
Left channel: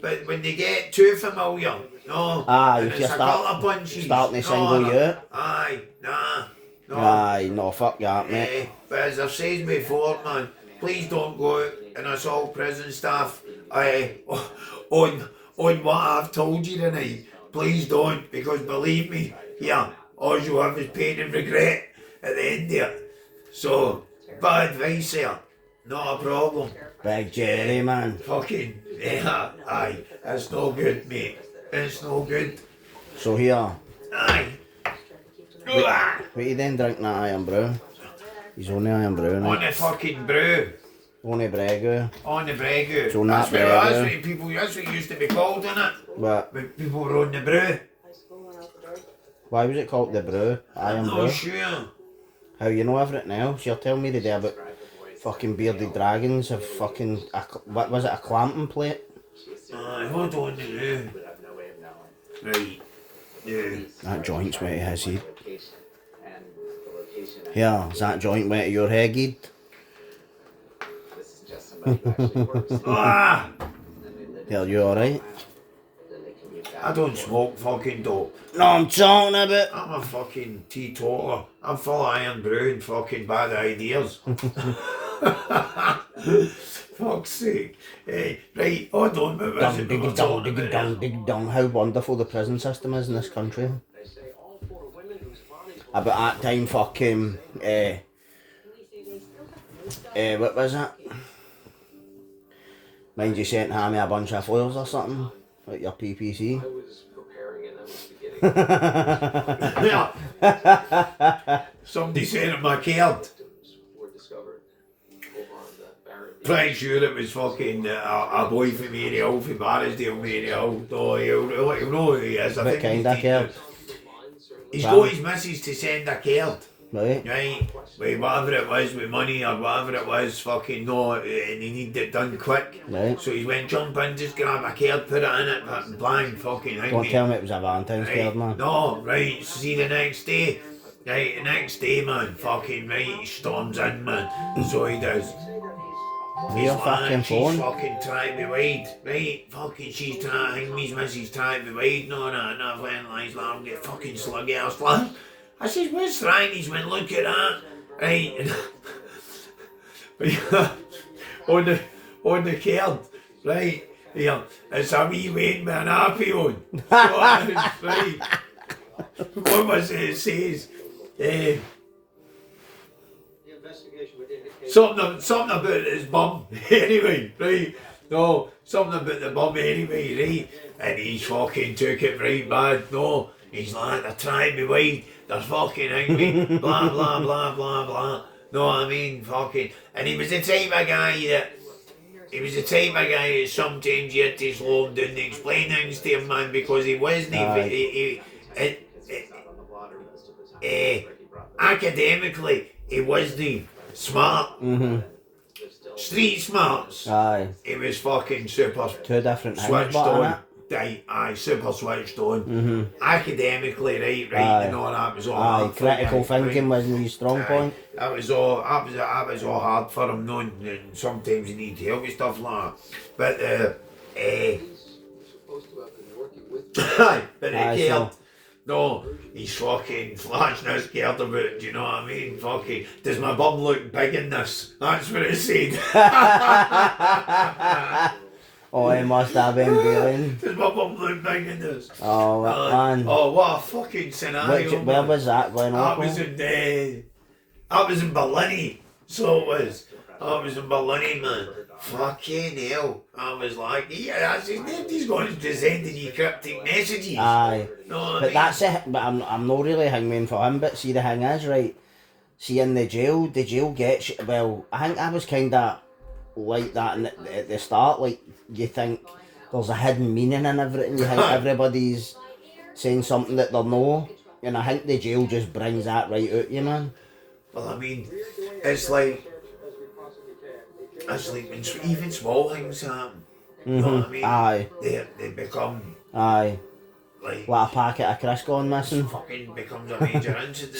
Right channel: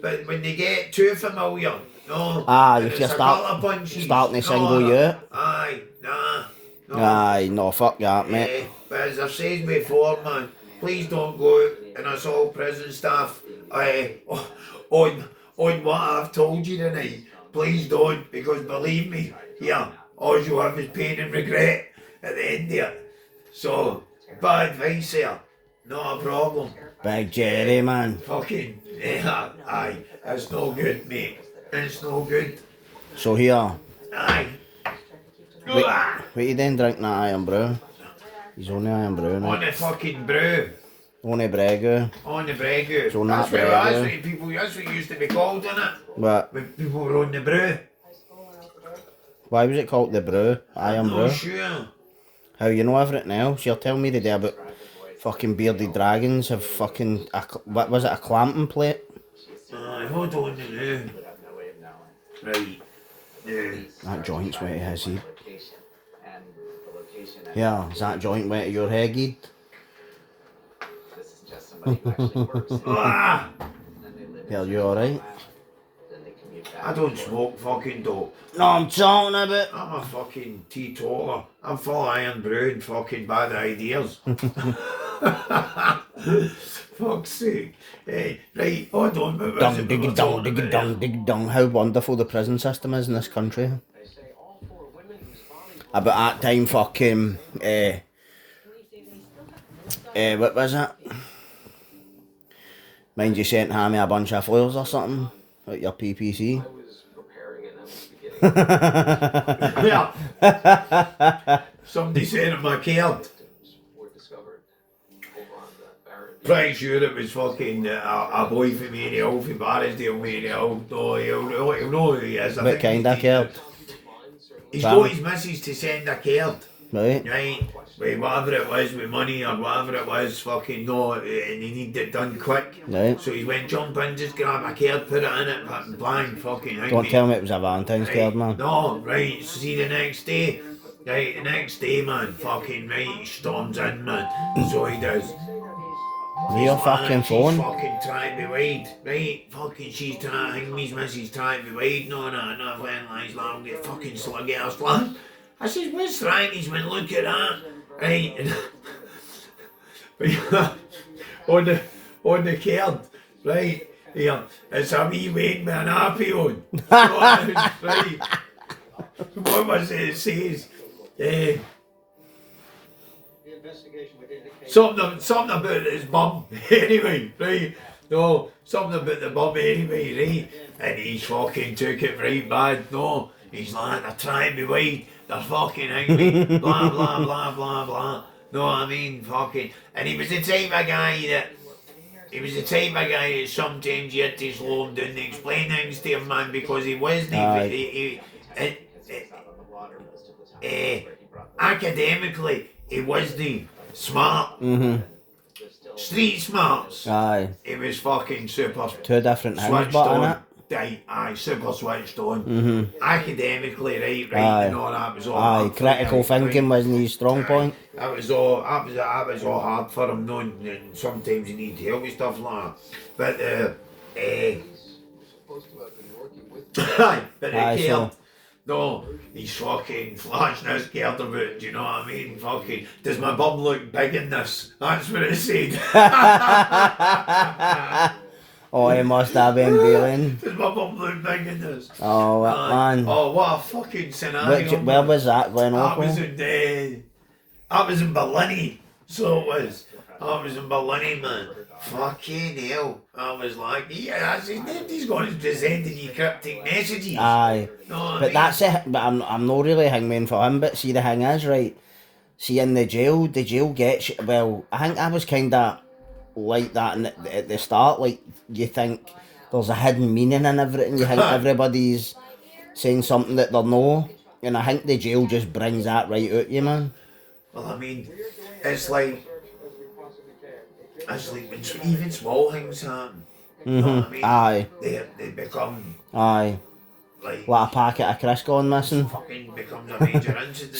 But when they get too familiar, no, if you starting to single you. Aye, nah. No. Aye, no, fuck that, mate. But as I've said before, man, please don't go out and assault prison staff on what I've told you tonight. Please don't, because believe me, all you have is pain and regret at the end of it. So, bad advice there, not a problem. Big Jerry, man. Fucking, aye, it's no good, mate. It's no good. So here, Aye. what you then drinking that iron brew? He's only iron brew, On mate. the fucking brew. Only bregu. On the bregu. So not That's bregu. what people, that's what it used to be called, innit? What? When people were on the brew. Why was it called the brew? Iron I'm brew? not sure. How you know everything else? You're telling me today about fucking bearded dragons have fucking, what was it, a clamping plate? Aye, hold on now. Right. Yeah. That joint's wet to his head. Yeah, is that joint wet to your head, Gid? Ah! Are you alright? I don't smoke fucking dope. No, I'm talking about. I'm a fucking teetotaler. I'm full of iron brew and fucking bad ideas. Fuck's sake. Hey, right, hold on. Dung, dig dung, dig dung, dig dung. How wonderful the prison system is in this country. About that time, fucking, what was it? Mind you sent Hammy a bunch of flowers or something? Like your PPC? Yeah. Somebody sent him my card. Pretty sure it was fucking a boy from Mary Hill, from Barrisdale, Mary Hill. No, he'll know who he is. What kind of card? He's got his missus to send a card. Right. right? With whatever it was, with money or whatever it was, fucking no, and he needed it done quick. Right. So he went jump in, just grab a card, put it in it, and bang, fucking hang Don't me. tell me it was a Valentine's card, man. No, right, see the next day. Right, the next day, man, fucking right, he storms in, man. So he does. Real fucking She's phone. fucking trying to be wide, right? Fucking she's trying to hang me's missus trying to be wide, no, when lies long, get fucking sluggy ass lad. I said, what's trying? He's went, look at that, right? on the card, right? Here, it's a wee Wayne with an happy on. So, right. What was it? It says, something about his bum. Anyway, right? No, something about the bum anyway, right? And he's fucking took it right bad. No, he's like, they're trying me wide. They're fucking angry. Blah, blah, blah, blah, blah. No, I mean, fucking. And he was the type of guy that. He was the type of guy that sometimes you had to slow him down to explain things to him, man, because he wasn't. Academically, he wasn't smart. Mm-hmm. Street smarts. Aye. He was fucking super. Two different things, Switched but on. innit? Aye, super switched on. Mm-hmm. Academically, right, Aye. and all that was all Aye, hard for him, critical thinking wasn't his strong point. That was all hard for him, knowing, and sometimes you need help with stuff like that. But Aye, the so- kid, no, he's fucking flashing his scared about it, do you know what I mean? Fucking, does my bum look big in this? That's what it said. Oh, he must have been feeling. Does my bum look big in this? Oh, what, man. Oh, what a fucking scenario. Where was that going I on? was in Berlin, so it was. I was in Berlin, man. Fucking hell. I was like, yeah, that's his name. He's going to send you cryptic messages. Aye. No, I But mean, that's it. But I'm not really hangman for him. But see, the thing is, right? See, in the jail gets, well, I think I was kind of like that at the start. Like, you think there's a hidden meaning in everything. You think everybody's saying something that they're no. And I think the jail just brings that right out you, man. well, I mean, it's like when even small things happen. You know what I mean? Aye. They become Aye. like. What, a packet of Crisco gone missing? Fucking becomes a major incident.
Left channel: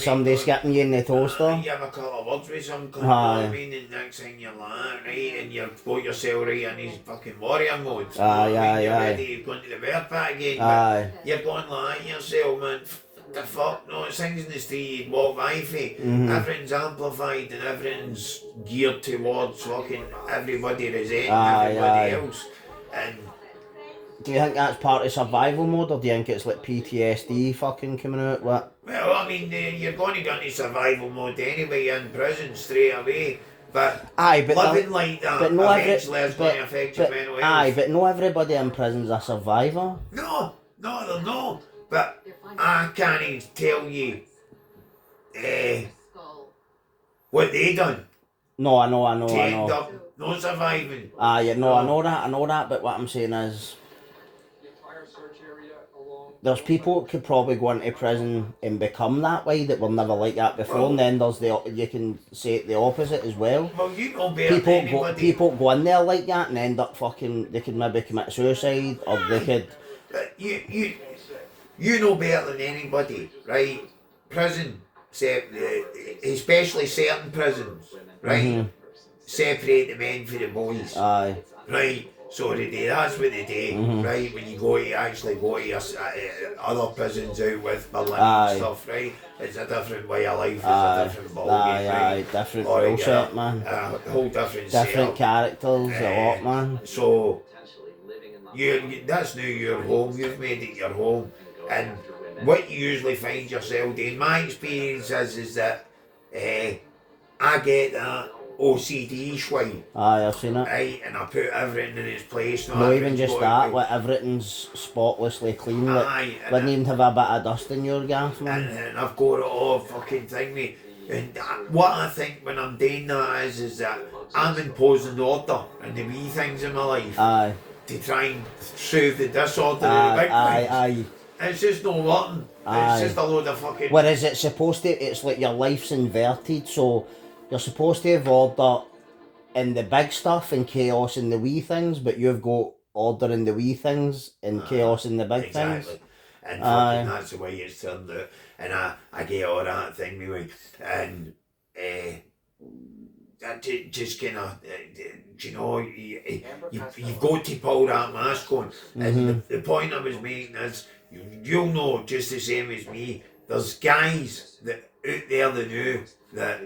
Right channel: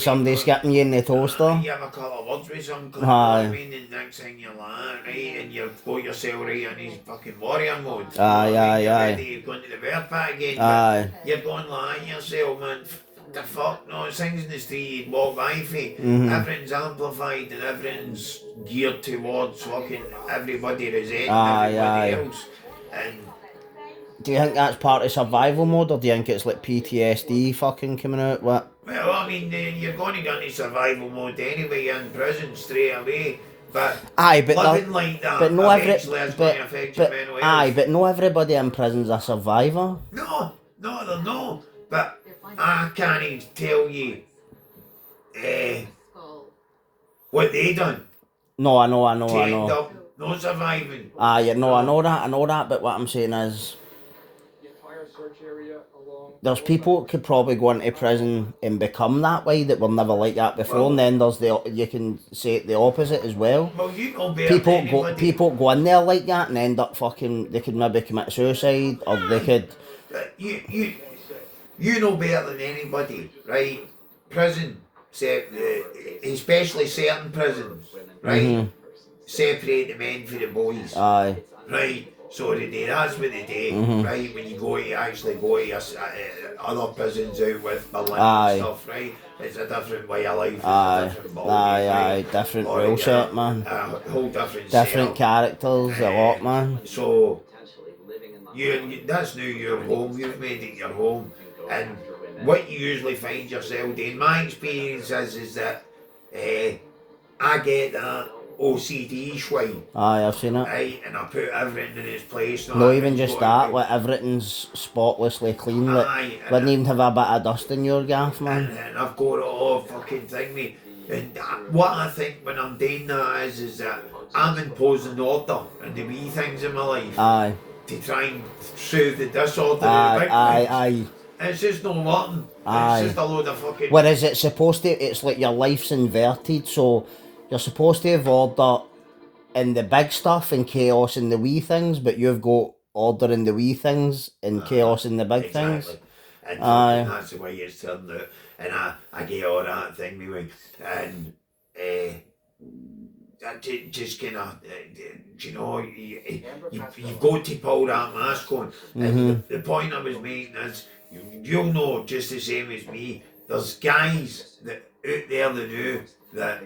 Somebody skipping you in the toaster? You have a couple of words with some cunt, Aye. I mean, and next thing you're like, right, and you've got yourself right in his fucking warrior mode. You know Aye, what I mean? aye, You're aye. ready to go into the bear pack again, Aye. but you're going like yourself, man. The fuck, no, it's things in the street you'd walk by for. Mm-hmm. Everything's amplified and everything's geared towards fucking everybody resenting Aye, everybody aye. else. And Do you think that's part of survival mode, or do you think it's like PTSD fucking coming out? What? well, I mean, you're going to go into survival mode anyway in prison straight away. But Aye, but living like that but no eventually is going to affect your mental health. Aye, but no everybody in prison's a survivor. No, they're not. But I can't tell you what they done No, I know. to end up not surviving. Aye, no, I know that, but what I'm saying is, there's people that could probably go into prison and become that way that were never like that before, Well- and then there's you can say the opposite as well. Well, you know better than anybody. People go in there like that and end up fucking, they could maybe commit suicide, or they could, But you know better than anybody, right? Prison, especially certain prisons, right? Separate the men from the boys, aye, right? So they do, that's what they do, right? When you actually go to your, other prisons out with Berlin Aye. and stuff, right? It's a different way of life, it's aye, a different ballgame, aye, right? different Or rule you set, get man. a whole different Different setup. characters, a lot, man. So, that's now your home, you've made it your home. And what you usually find yourself doing, my experience is that I get that OCD swine, Aye, I've seen it. right? And I put everything in its place. No, even just that, like everything's spotlessly clean. Like, Aye, and wouldn't even have a bit of dust in your gaff, man. and I've got it all fucking thing me. And what I think when I'm doing that is that I'm imposing order in the wee things in my life Aye, to try and soothe the disorder in the big aye, things. aye. It's just not working. Aye. It's just a load of fucking. Whereas it's supposed to, it's like your life's inverted, so you're supposed to have order in the big stuff and chaos in the wee things, but you've got order in the wee things and chaos in the big things. And Aye. fucking that's the way it's turned out. And I get all that thing me and just kind of, you know, you've got to pull that mask on. And the point I was making is, you'll know just the same as me, there's guys that out there that know that,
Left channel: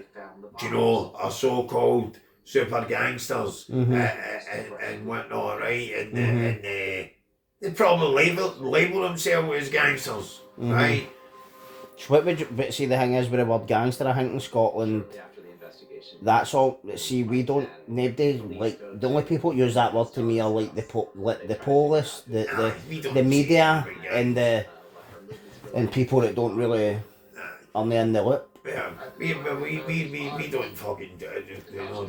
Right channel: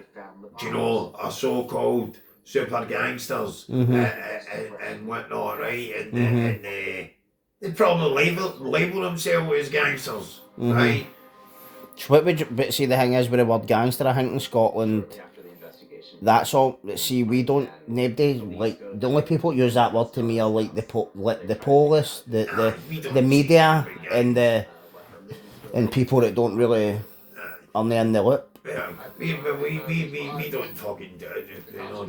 you know, are so-called super gangsters and whatnot, right? And they probably label themselves as gangsters, right? So what would you, but see the thing is with the word gangster, I think in Scotland, that's all. See, we don't. Nobody like the only people that use that word to me are like the police, the media, and people that don't really are in the loop. Yeah, we don't fucking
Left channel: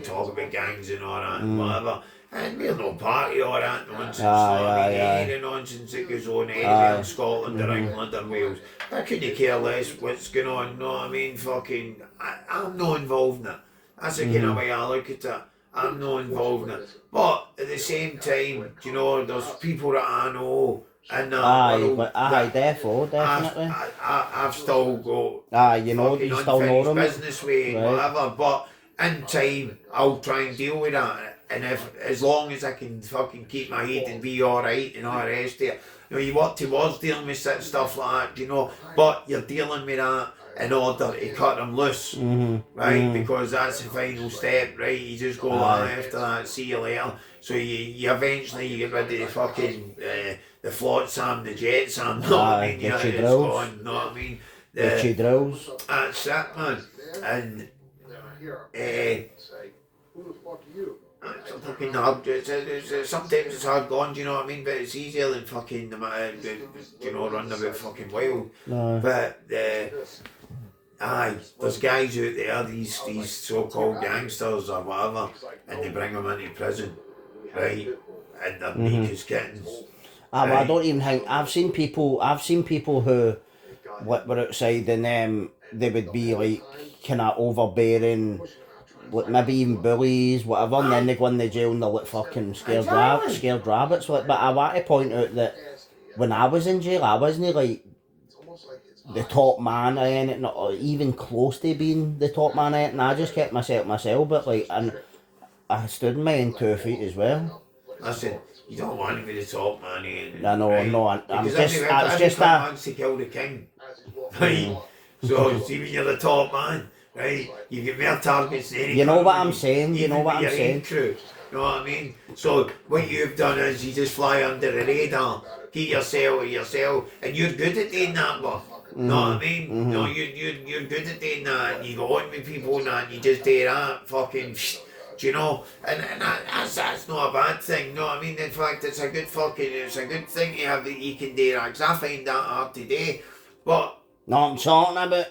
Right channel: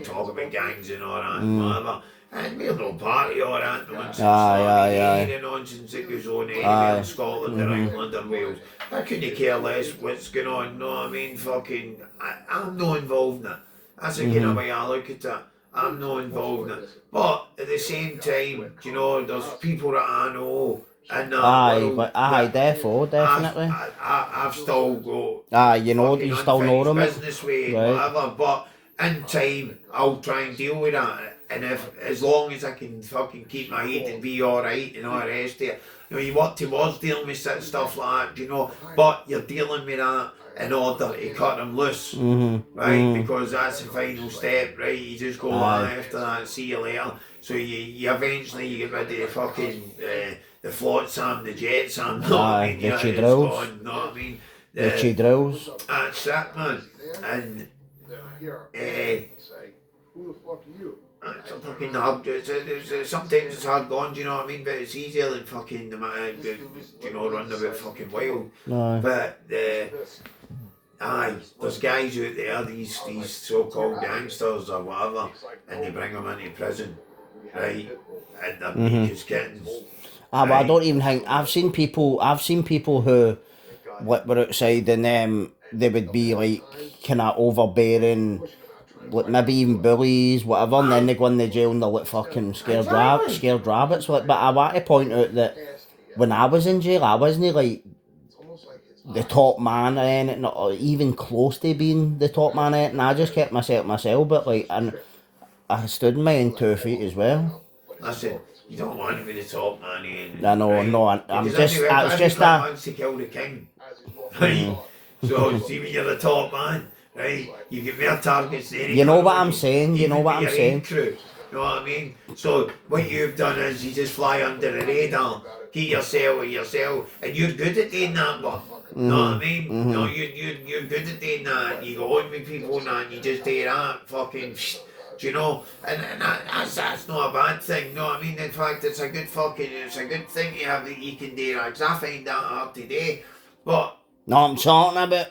talk about gangs and all that and whatever. And we're no part of all that nonsense. Any of the nonsense that goes on anywhere in Scotland or England or Wales. I couldn't care less what's going on, no, I mean, fucking, I'm not involved in it. That's the kind of way I look at it. I'm not involved in it. But at the same time, you know, there's people that I know in that world. Definitely. I've still got. You know, you still know them. Business way, whatever. But in time, I'll try and deal with that. And as long as I can fucking keep my head and be alright and all the rest of it, you know, you work towards dealing with stuff like that, you know, but you're dealing with that in order to cut them loose, right? Because that's the final step, right? You just go after that, see you later. So you eventually you get rid of the fucking the flotsam, the jetsam, know what I mean? Yeah, it's gone, know what I mean? The drills. That's it, man. And who the fuck are you? it's a fucking hard. Sometimes it's hard gone, do you know what I mean? But it's easier than fucking, you know, running about fucking wild. No. But there's guys out there, these so-called gangsters or whatever, and they bring them into prison, right? And they're meek as kittens. But I don't even think I've seen people who were outside and they would be like kind of overbearing, like maybe even bullies, whatever, and then they go in the jail and they're like fucking scared rabbits. Like, but I want to point out that when I was in jail, I wasn't like the top man or anything, or even close to being the top man or anything. I just kept myself, but like, and I stood in my own 2 feet as well. I said, you don't want to be the top man, I'm just that wants to kill the king, right? So see when you're the top man, right? You get more targets than any. You know what I'm saying? You know what I'm saying? Crew, you know what I mean? So what you've done is you just fly under the radar, keep yourself, and you're good at doing that, but. Know what I mean? No, you're good at doing that. You go on with people and that, you just do that, fucking, do you know? And that's not a bad thing. No, I mean, in fact, it's a good thing you have that you can do that. Because I find that hard to do. But no, I'm talking about.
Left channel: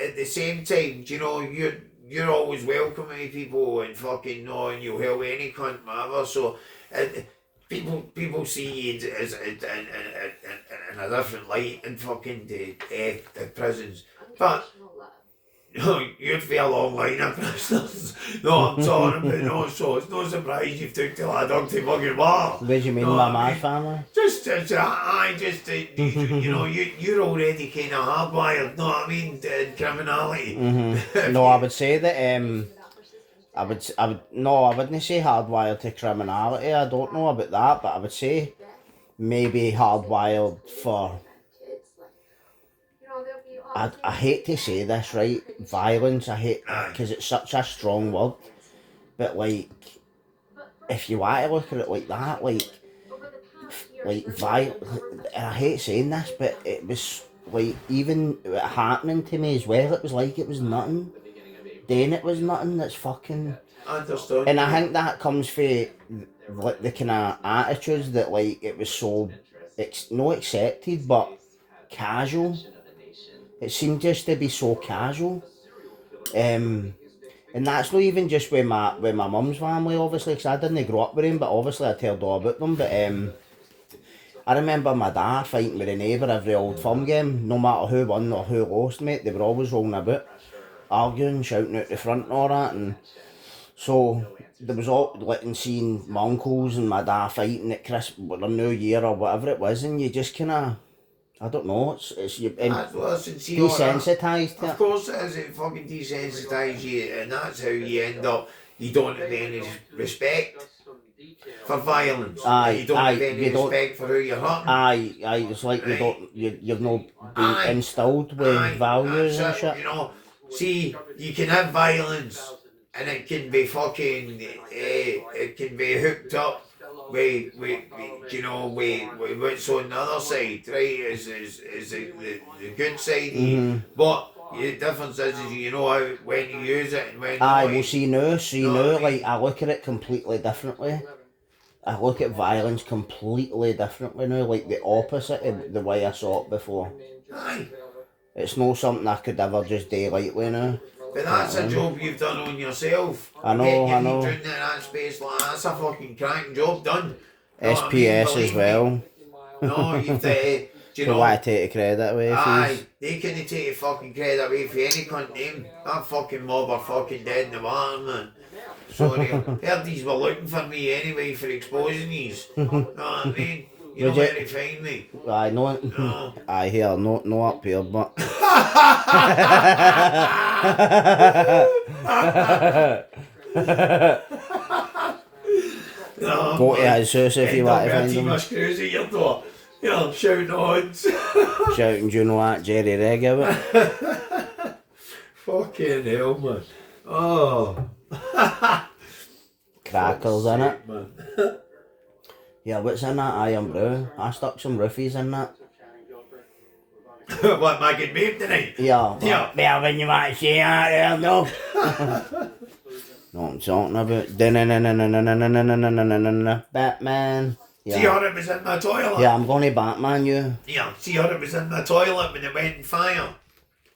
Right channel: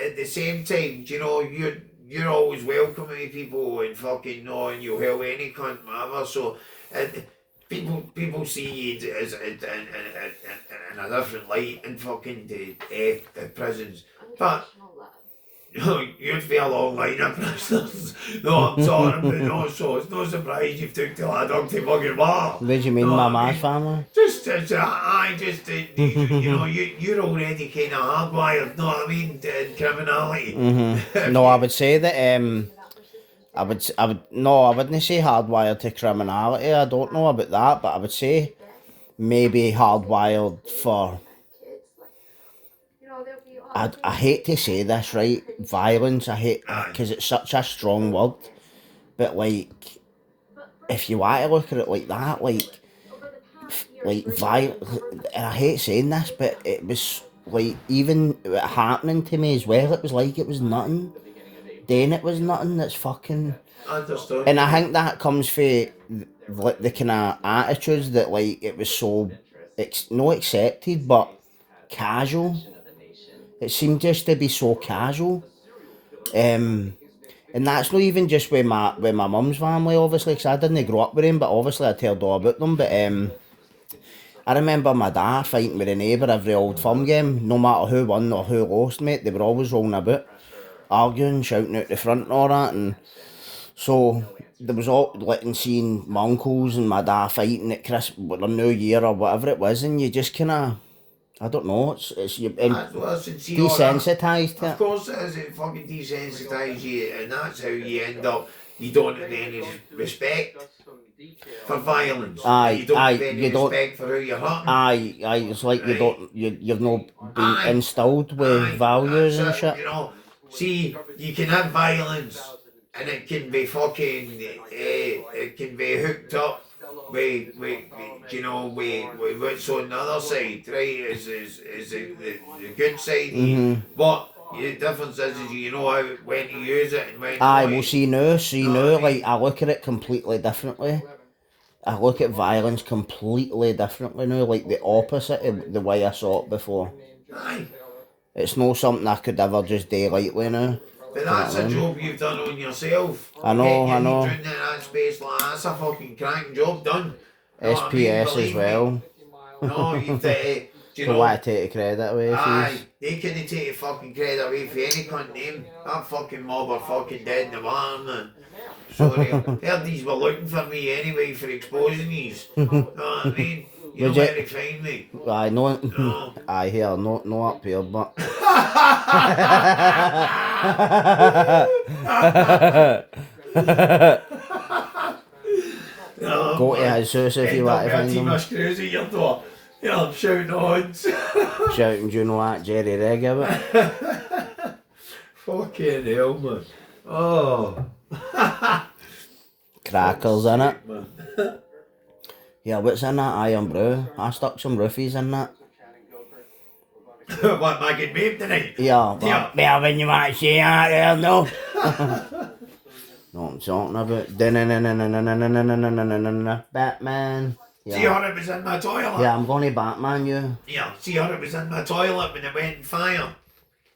At the same time, you know, you're always welcome to people and fucking know, and you'll help any cunt, whatever. So. People see you as in a different light in fucking the prisons, but you'd be a long line of prisoners. No, I'm talking about no. So it's no surprise you've took the lad dog to fucking war. What do you mean by my family? You know, you're already kind of hardwired. Know what I mean? In criminality. No, I would say that I wouldn't say hardwired to criminality. I don't know about that, but I would say maybe hardwired for. I hate to say this, right? Violence. I hate because it's such a strong word, but like, if you want to look at it like that, like and I hate saying this, but it was like even happening to me as well. It was like it was nothing. Then it was nothing. That's fucking. Understood. And I think that comes from like the kind of attitudes that like it was so not accepted but casual. It seemed just to be so casual. And that's not even just with my mum's family, obviously, because I didn't grow up with them, but obviously I told all about them. But I remember my dad fighting with a neighbour every old firm game, no matter who won or who lost, mate. They were always rolling about, arguing, shouting out the front and all that. And so there was all like and seeing my uncles and my dad fighting at New Year or whatever it was, and you just kind of, I don't know, it's you desensitised to Of it. course it is, it fucking desensitised you, and that's how you end up, you don't have any respect for violence. Aye, You don't have aye, any you don't- respect for who you're hurting. Aye, it's like you Aye. don't, you've not been Aye. instilled with Aye, values and that's it, shit. you know. See, you can have violence, and it can be fucking, it can be hooked up with you know, with what's on the other side, right? Is the good side. But the difference is you know how when to use it and when Aye, not. well see Know what I mean? like I look at it completely differently. I look at violence completely differently now, like the opposite of the way I saw it before. Aye. It's not something I could ever just do lightly now. But that's a job you've done on yourself. I know, Getting your I head know. down in that space like that's a fucking cracking job done. Know what I mean? SPS as Believe me. well. No, you've do you So know? why take the credit away from you? Aye, they couldn't take the fucking credit away for any cunt name. That fucking mob are fucking dead in the water, man. Sorry, heard these were looking for me anyway for exposing these. Know what I mean? You know Would you- where to find me. Aye, no, No. aye, here, no up here, but. No, Go to man. his house if you want to find Team him. of screws at your door. Yeah, I'm shouting odds. Shouting, do you know that Jerry Reg of it? Fucking hell, man. Oh. Crackers in it. Man. Yeah, what's in that iron brew? I stuck some roofies in that. What, my good babe tonight? Yeah, Yeah. well, when you want to say that there, no. Know what I'm talking about. Batman. See Yeah. how it was in my toilet? Yeah, I'm going to Batman you. Yeah, see how it was in my toilet when it went on fire?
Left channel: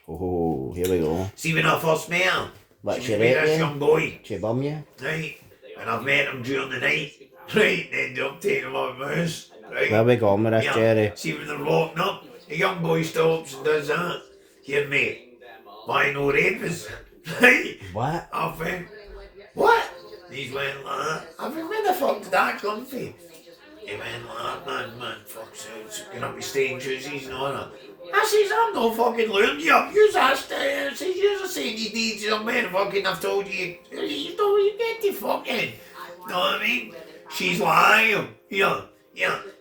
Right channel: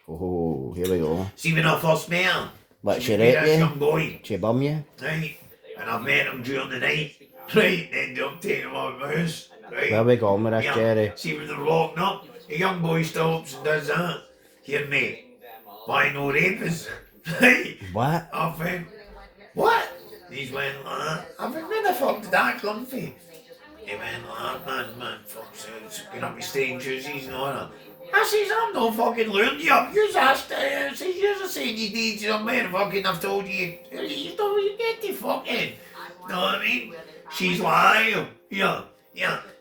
Oh, here we go. See when I first met her? What, She she was with raped this you? young boy, She bum you? right? And I've met him during the night, right? Ended up taking him out of my house, right? Where we going with this, Jerry? See when they're walking up, the young boy stops and does that. Here, mate, why no rapists? Right? What? I went, what? He's went like that. I went, where the fuck did that come from? He went like that, man, fuck's sake, you know, be strangers, he's not that. I says, I'm not fucking luring you up. You're asked, says, you're saying you need some man, fucking, I've told you, you know, you get the fucking, know what I mean? She's like, yeah,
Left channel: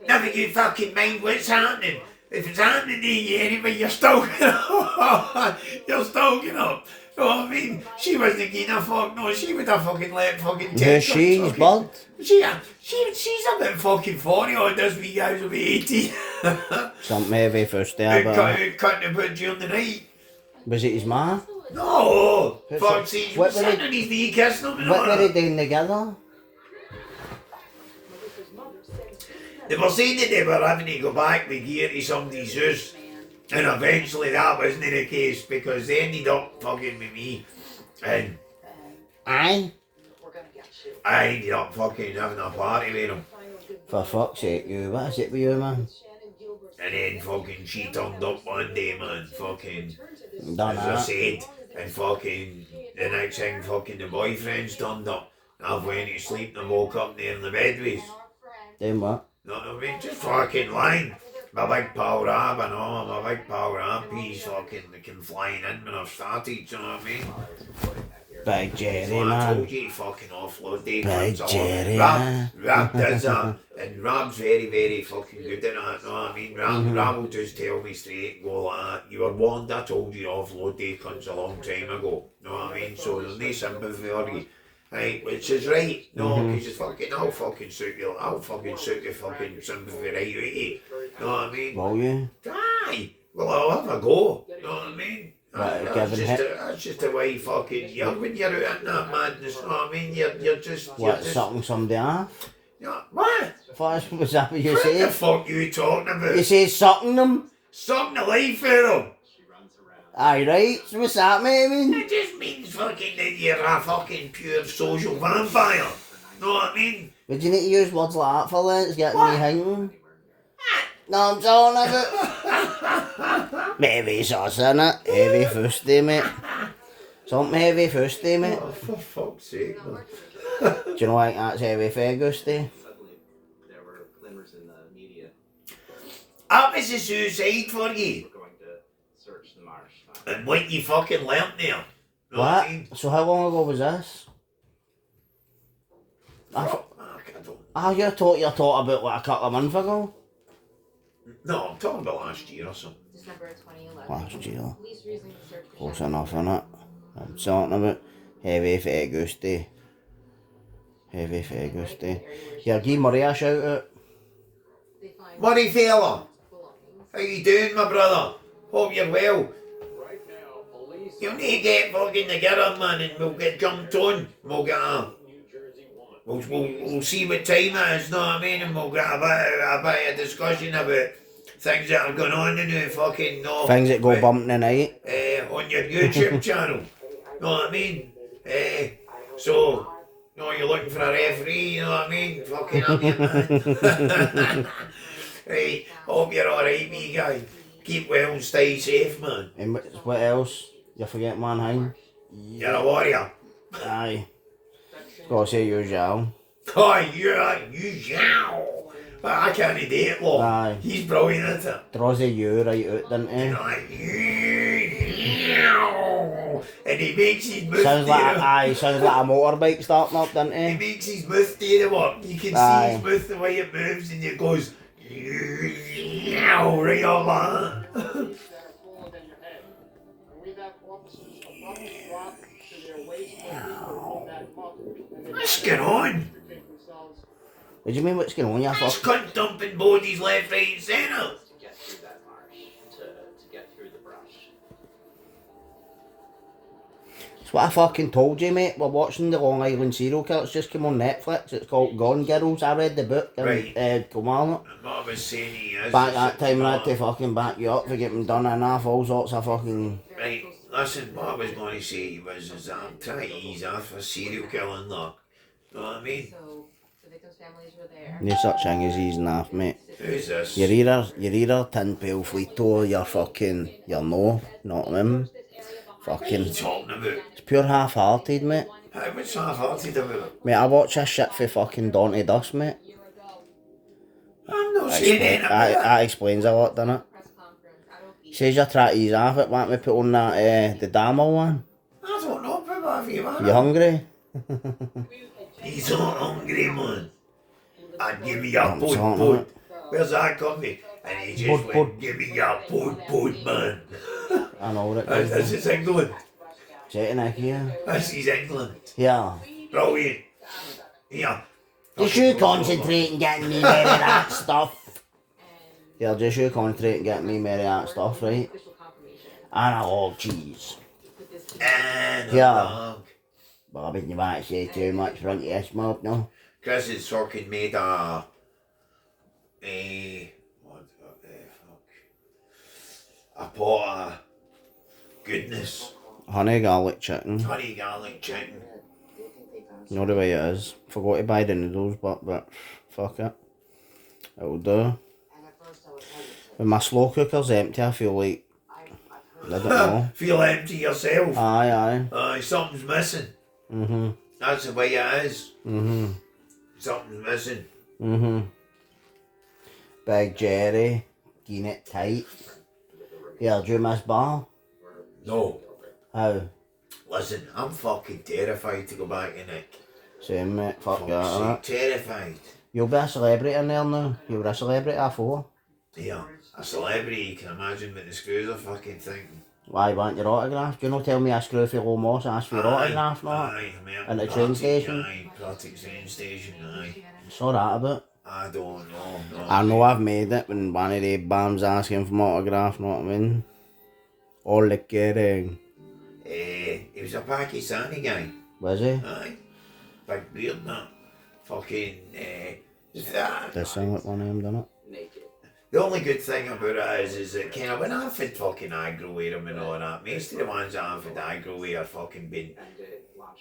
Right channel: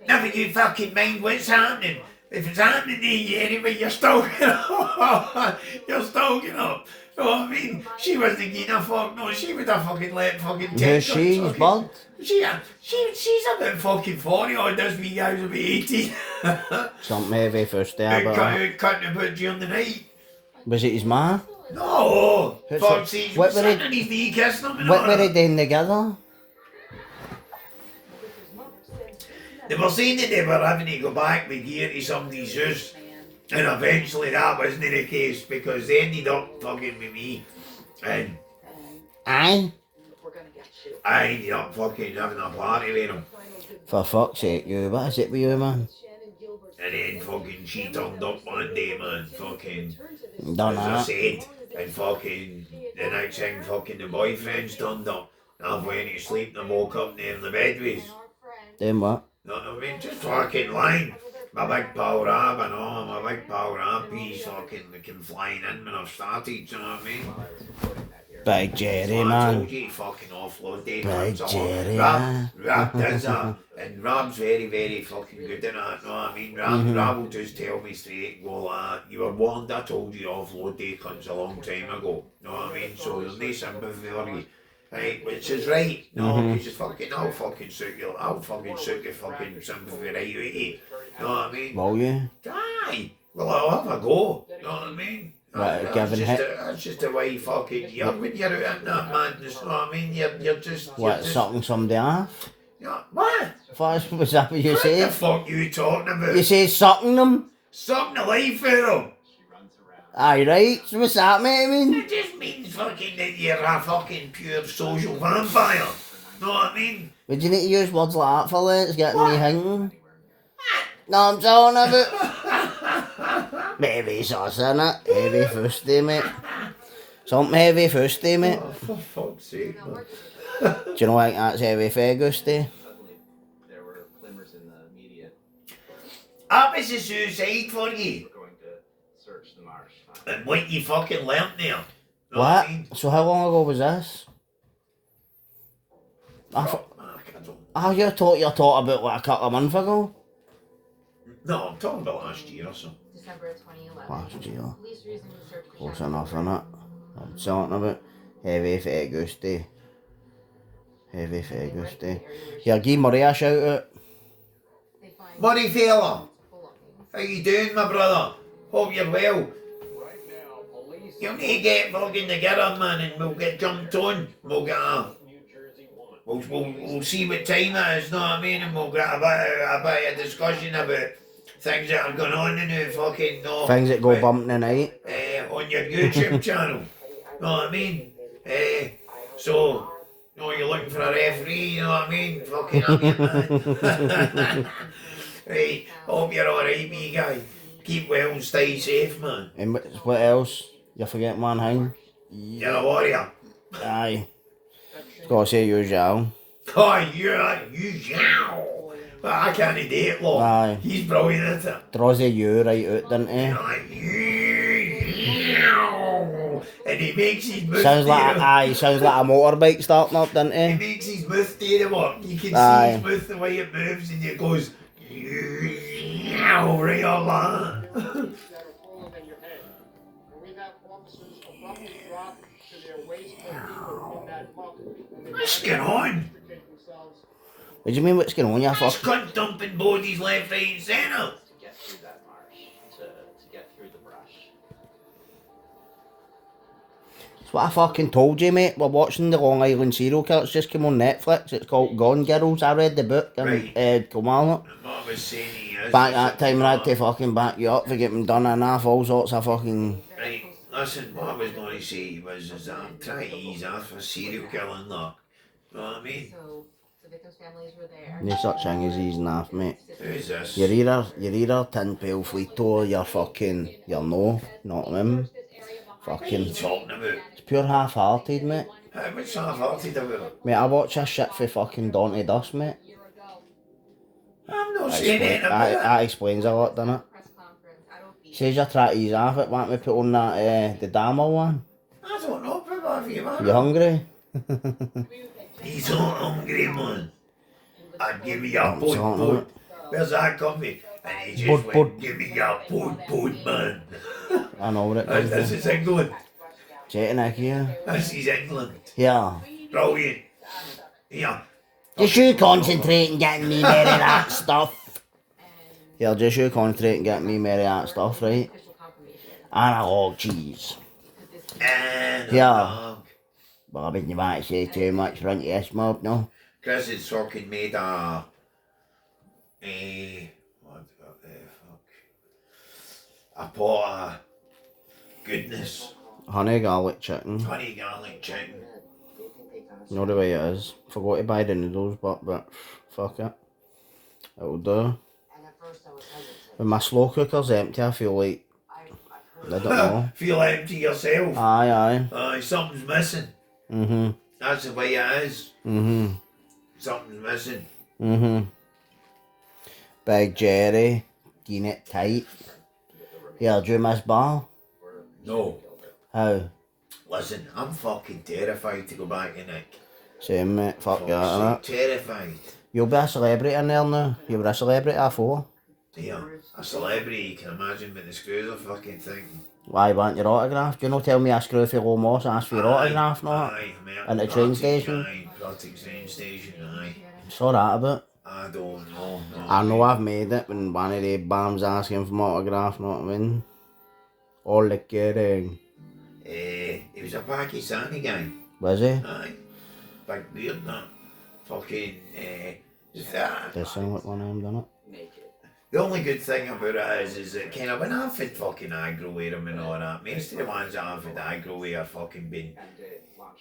never you fucking mind what's happening. If it's happening to you anyway, you're stoking up. You're stoking up. Know what I mean? She wasn't giving a fuck, no, she would have fucking let fucking Who's she? He's bald? She's about fucking 40 odd, this wee guys will be 18. Something heavy first there, but... Cutting about during the night. Was it his man? No! Who's Fuck, it? see, What were sitting they- on his knee kissing him and What all were they that. doing together? They were saying that they were having to go back with gear to somebody's house. And eventually that wasn't the case because they ended up fucking with me. And Aye. I ended up fucking having a party with him. For fuck's sake, you. What is it with you, man? And then fucking she turned up one day, man, fucking, Done as I that. said, and fucking, the next thing fucking the boyfriends turned up. I went to sleep and I woke up there in the bed with. Doing what? Know what I mean? Just fucking lying. My big pal Rab and all, my big pal Rab, he's fucking came flying in when I started, you know what I mean? Big Jerry, So I man. told you, fucking offload day. Big Jerry, Rab does that. And Rab's very, very fucking good at that, know what I mean? Rab will just tell me straight and go like that. You were warned, I told you offload day cunts a long time ago, know what I mean? So there's no sympathy for you. Right, which is right, no, because you fucking, I'll fucking suit your fucking sympathy right out of you, know what I mean? Will you? Aye, well I'll have a go, know what I mean? Right, That's Kevin, that's just the way fucking you're when you're out in that madness, know what I mean? You're just What, sucking somebody off? What? What was that what you What the said? fuck you talking about? You say sucking them? Sucking the life out of them. Aye, right. So what's that, mate? I mean? It just means fucking that you're a fucking pure social vampire. Know what I mean? Would you need to use words like that for that? It's getting me hanging. No, I'm talking about. Heavy sauce in it. Heavy fusty, mate. Something heavy fusty, mate. Oh, for fuck's sake, man. Do you know like that's heavy fagusty? There were glimmers in the media. That was a suicide for you. We're going to search the marsh. And what you fucking learnt there. Know what What? I mean? So how long ago was this? Mark, I don't. Oh, you're talking about like a couple of months ago? No, I'm talking about last year or so. December of 2011. Last year. Police resumed the search for Close Shannon. enough, innit? I'm talking about heavy fagusty. Heavy fagusty. Yeah, give Murray a shout out. They find Murray fella, belongings. how you doing, my brother? Hope you're well. You'll need to get fucking together, man, and we'll get jumped on. We'll get we'll see what time it is, know what I mean? And we'll get a bit of discussion about things that are going on in the fucking, no. Things that go bump tonight. On your YouTube channel. Know what I mean? So, you're looking for a referee, you know what I mean? Fucking up you, man. Right, hope you're alright, me guy. Keep well and stay safe, man. And what else? You forget one thing? You're a warrior. Aye. Gotta say you, Zhao. Oh, you yow. Well, I can't do it, look. Aye. He's brilliant at it. Draws the you right out, doesn't he? You're like, yow. And he makes his mouth Sounds like there. sounds like a motorbike starting up, doesn't He he? makes his mouth do the work. You can Aye. see his mouth the way it moves, and it goes, yow, right on that. What's going on? What do you mean what's going on, you This fuck? cunt dumping bodies left, right, and centre. To get through that marsh. To get through the brush. That's what I fucking told you, mate. We're watching the Long Island serial killer. It's just come on Netflix. It's called Gone Girls. I read the book. Right. Come on. What I was saying he is. Back that time, I had to fucking back you up for getting done enough. All sorts of fucking. Right, listen, what I was going to say was is that I'm trying to ease off for serial killing, look. You know what I mean? So the victims' families were there. No such thing as easing off, mate. Who's this? You're either TinPailTV or you're fucking. You're no. Not him. Fucking. Talking about. It's pure half-hearted, mate. How much half-hearted about it? Mate, I watch this shit for fucking dawn to dusk, mate. I'm not saying anything about it. That explains a lot, doesn't it? Press conference. I don't be. Says you're trying to ease off it. Why don't we put on that, the Dama one? I don't know, but you, man. You hungry? He's not hungry, man. I'd give me a I'm pud, talking pud. about. Where's that coffee? And he just Pud, went, pud. give me a pud, man. I know what it This is. is England. Jetting out here. This is England. Yeah. Brilliant. Yeah. Just you concentrate and getting me married that stuff. Yeah, just you concentrate and getting me married that stuff, right? Official confirmation. And oh, jeez. And Yeah. Bobby, you might say too much front of your smoke, no? Chris has fucking made what the fuck? A pot of goodness. Honey garlic chicken. Honey garlic chicken. You know the way it is. Forgot to buy the noodles, but fuck it. It'll do. When my slow cooker's empty, I feel like, I don't know. Feel empty yourself. Aye. Something's missing. Mm-hmm. That's the way it is. Mm-hmm. Something's missing. Mm-hmm. Big Jerry, getting it tight. Yeah, do you miss bar? No. How? Listen, I'm fucking terrified to go back in it. Same, mate. Fuck Fuck's that, sake, innit? terrified. You'll be a celebrity in there now. You were a celebrity before. Yeah, a celebrity, you can imagine what the screws are fucking thinking. Why want your autograph? Do you not tell me a screw for low moss ask for your autograph, no? Aye, mate. At the train station? Aye, Pratic train station, aye. Saw that about. I don't know, no. I know I've made it when one of the bams asking for my autograph, know what I mean? All the kidding. He was a Pakistani guy. Was he? Aye. Big beard, that. Fucking, Does sound like one of them, doesn't it? The only good thing about it is that kind of when I've had fucking aggro with him and all that, most of the ones that I've had aggro with are fucking been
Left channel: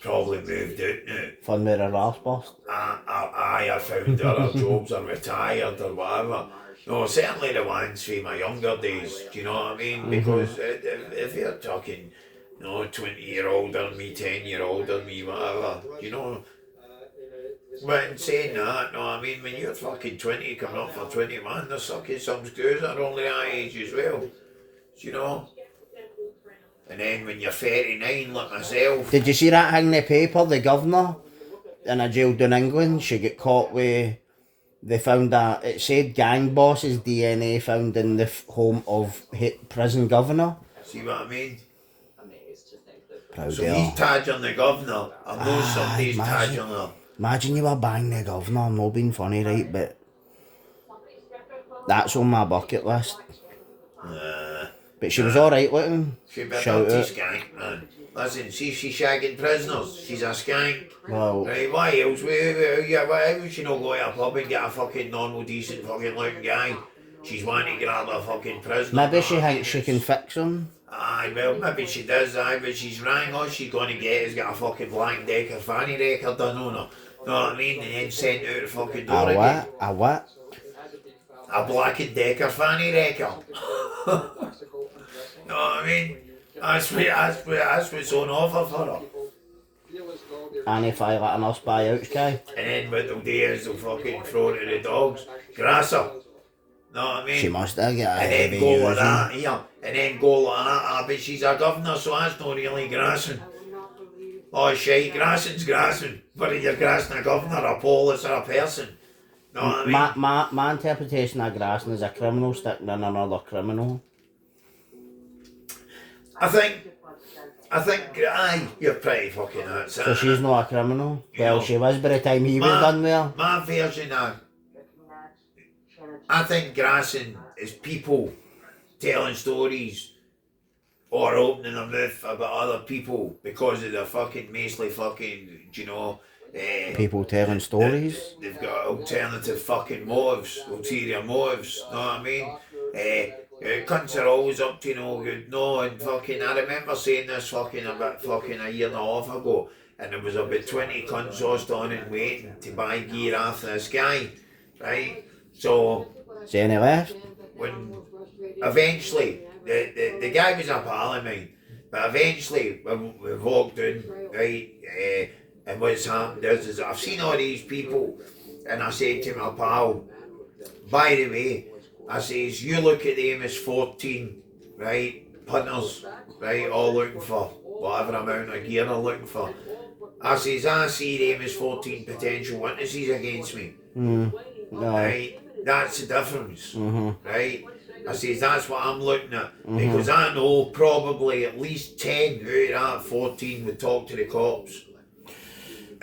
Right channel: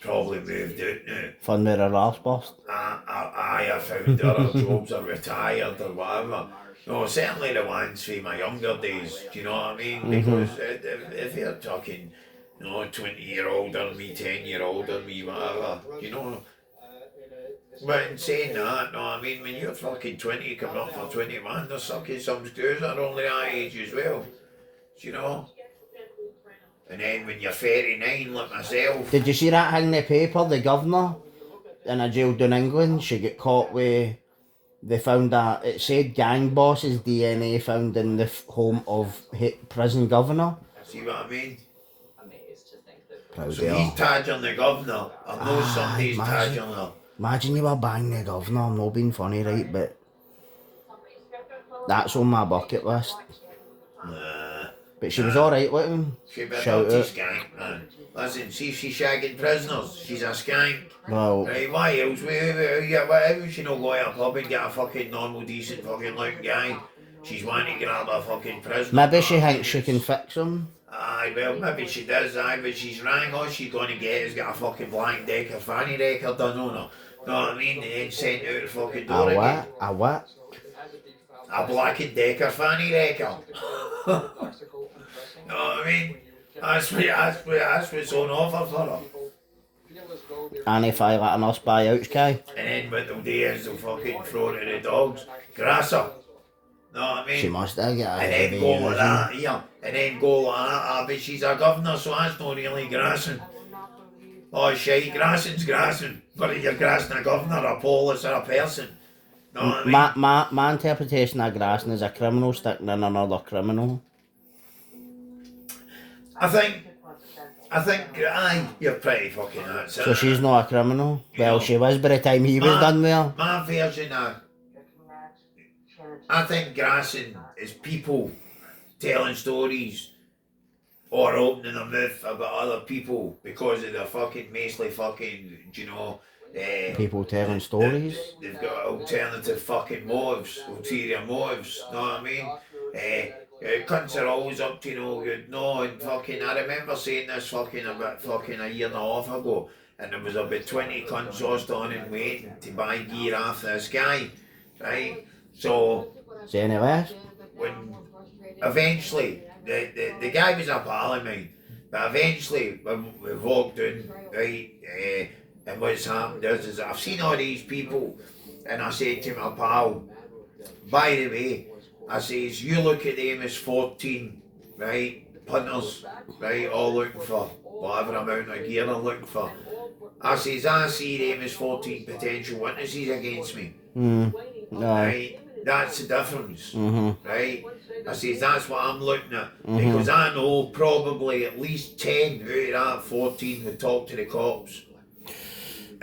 probably moved out now. Fun with a Ralph's bust. I found other jobs or retired or whatever. No, certainly the ones from my younger days, do you know what I mean? Because if you're talking, 20-year older than me, 10-year older than me, whatever, But in saying that, no, I mean, when you're fucking 20 coming up for 21, there's sucking some screws that are only that age as well, you know? And then when you're 39, like myself, Did you see that thing in the paper? The governor in a jail down England, she got caught with. They found it said gang boss's DNA found in the home of prison governor. see what I mean? Proud So of he's her. tagging the governor, I know somebody's imagine. tagging her. Imagine you were banging the governor. I'm not being funny, right? But that's on my bucket list. But she was alright looking. She'd be a Shout dirty out. skank, man. Listen, see if she's shagging prisoners, she's a skank. Well, Right, why else? Why would she not go to a pub and get a fucking normal, decent fucking looking guy? She's wanting to grab a fucking prisoner. maybe she thinks she can fix him. Aye, well, maybe she does, but she's rang. All she's going to get is get a fucking Black Decker fanny record done on her. Know what I mean? And then sent out the fucking door A again. what? A what? A Black Decker fanny record. Know what I mean? That's what's on offer for her. And if I let a nurse buy out, guy. And then what they'll do is they'll fucking throw it to the dogs. Grass her. Know what I mean? She must have got a And heavy then go like using. that, here. And then go like that. But she's a governor, so that's not really grassing. Oh, shite, grassing's grassing. Whether you're grassing a governor, a police, or a person. Know what I mean? My interpretation of grassing is a criminal sticking in another criminal. I think, aye, you're pretty fucking nuts. So she's not a criminal. Well, she was by the time he was done there. My version of, I think grassing is people telling stories or opening their mouth about other people because of their fucking mostly fucking, People telling stories. They've got alternative fucking motives, ulterior motives, know what I mean? Cunts are always up to no good, no, and fucking, I remember saying this fucking about fucking a year and a half ago, and there was about 20 cunts all standing waiting to buy gear after this guy, right? So, Is any left? when eventually, the guy was a pal of mine, but eventually we walked in, right, and what's happened is I've seen all these people, and I said to my pal, by the way, I says, you look at them as 14, right, punters, right, all looking for whatever amount of gear they're looking for. I says, I see them as 14 potential witnesses against me, No. right, that's the difference, right. I says, that's what I'm looking at, because I know probably at least 10 out of that 14 would talk to the cops.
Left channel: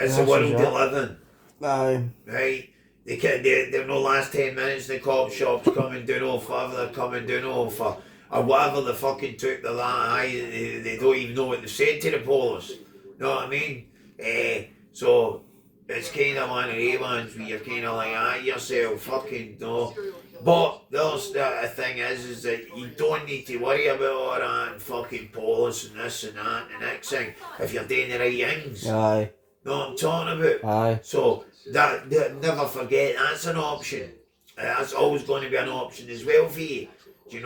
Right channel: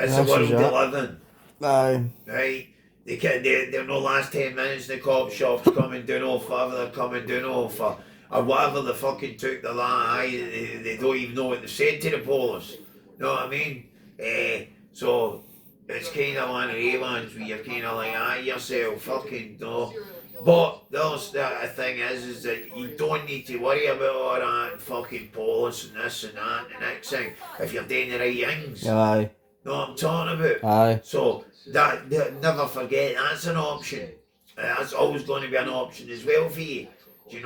It's the world they live in, Aye. right? They're no last 10 minutes in the cop shops coming down off whatever they're coming down off or whatever they fucking took the they don't even know what they said to the police. Know what I mean? So it's kind of one of the ones where you're kind of like, yourself, fucking no. But the thing is that you don't need to worry about all that and fucking police and this and that and the next thing if you're doing the right things. Aye. Know what I'm talking about? Aye. So that never forget that's an option. That's always going to be an option as well for you. Do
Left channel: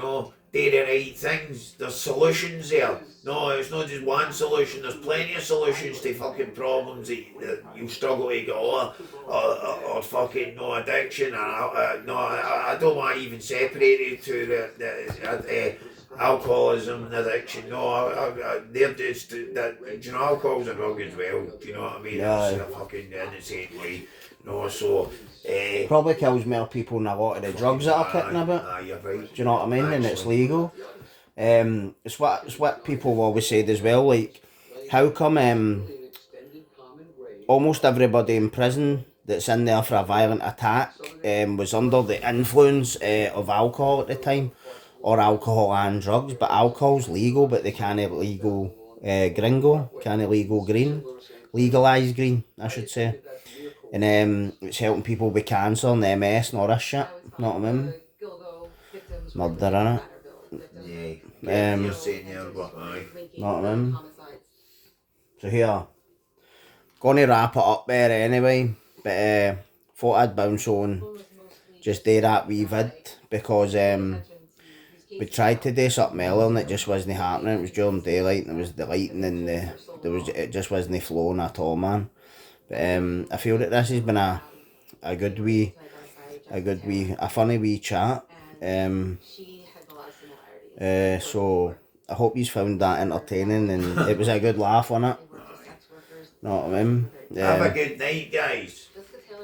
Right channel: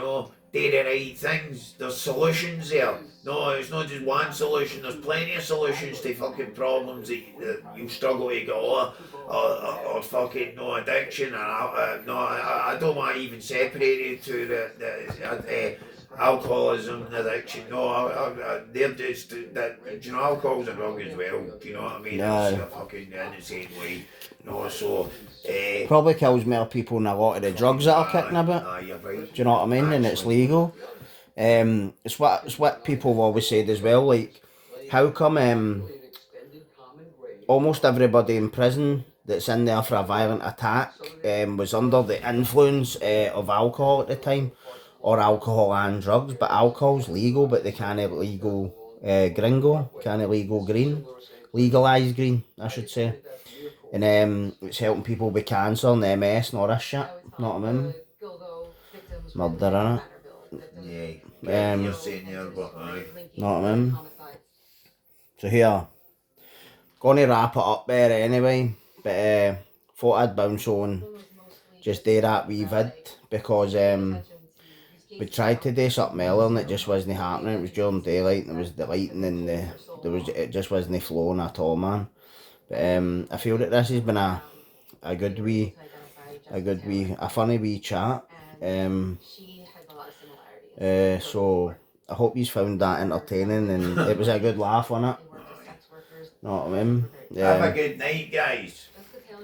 the right things. There's solutions there. No, it's not just one solution. There's plenty of solutions to fucking problems that you struggle to get over, or fucking no addiction. I don't want to even separate it to the alcoholism and addiction. No, they're just that. Alcohol's a drug as well. Do you know what I mean? Aye. It's a fucking in the same way. No, so. Probably kills more people than a lot of the drugs that are kicking about. You're right. Do you know what I mean? And it's legal. It's what people always said as well. Like, how come almost everybody in prison that's in there for a violent attack was under the influence of alcohol at the time, or alcohol and drugs? But alcohol's legal, but they can't legal legalize green, I should say. And it's helping people with cancer and MS and all this shit. Know what I mean? Murder, innit? Yeah. You're saying there, but aye. Know what I mean? So here, gonna wrap it up there anyway. But thought I'd bounce on just do that wee vid because we tried to do something earlier and it just wasn't happening. It was during daylight and there was the lighting and it just wasn't flowing at all, man. But I feel that this has been a funny wee chat. So I hope you found that entertaining and it was a good laugh on it. Know what I mean? Have a good night, guys.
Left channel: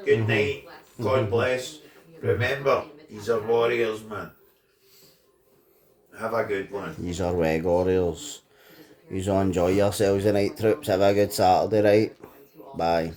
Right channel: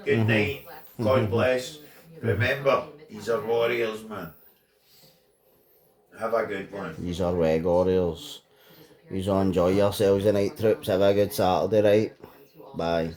Good night. God bless. Remember, these are warriors, man. Have a good one. These are Weg Warriors. You enjoy yourselves tonight, troops. Have a good Saturday, right? Bye.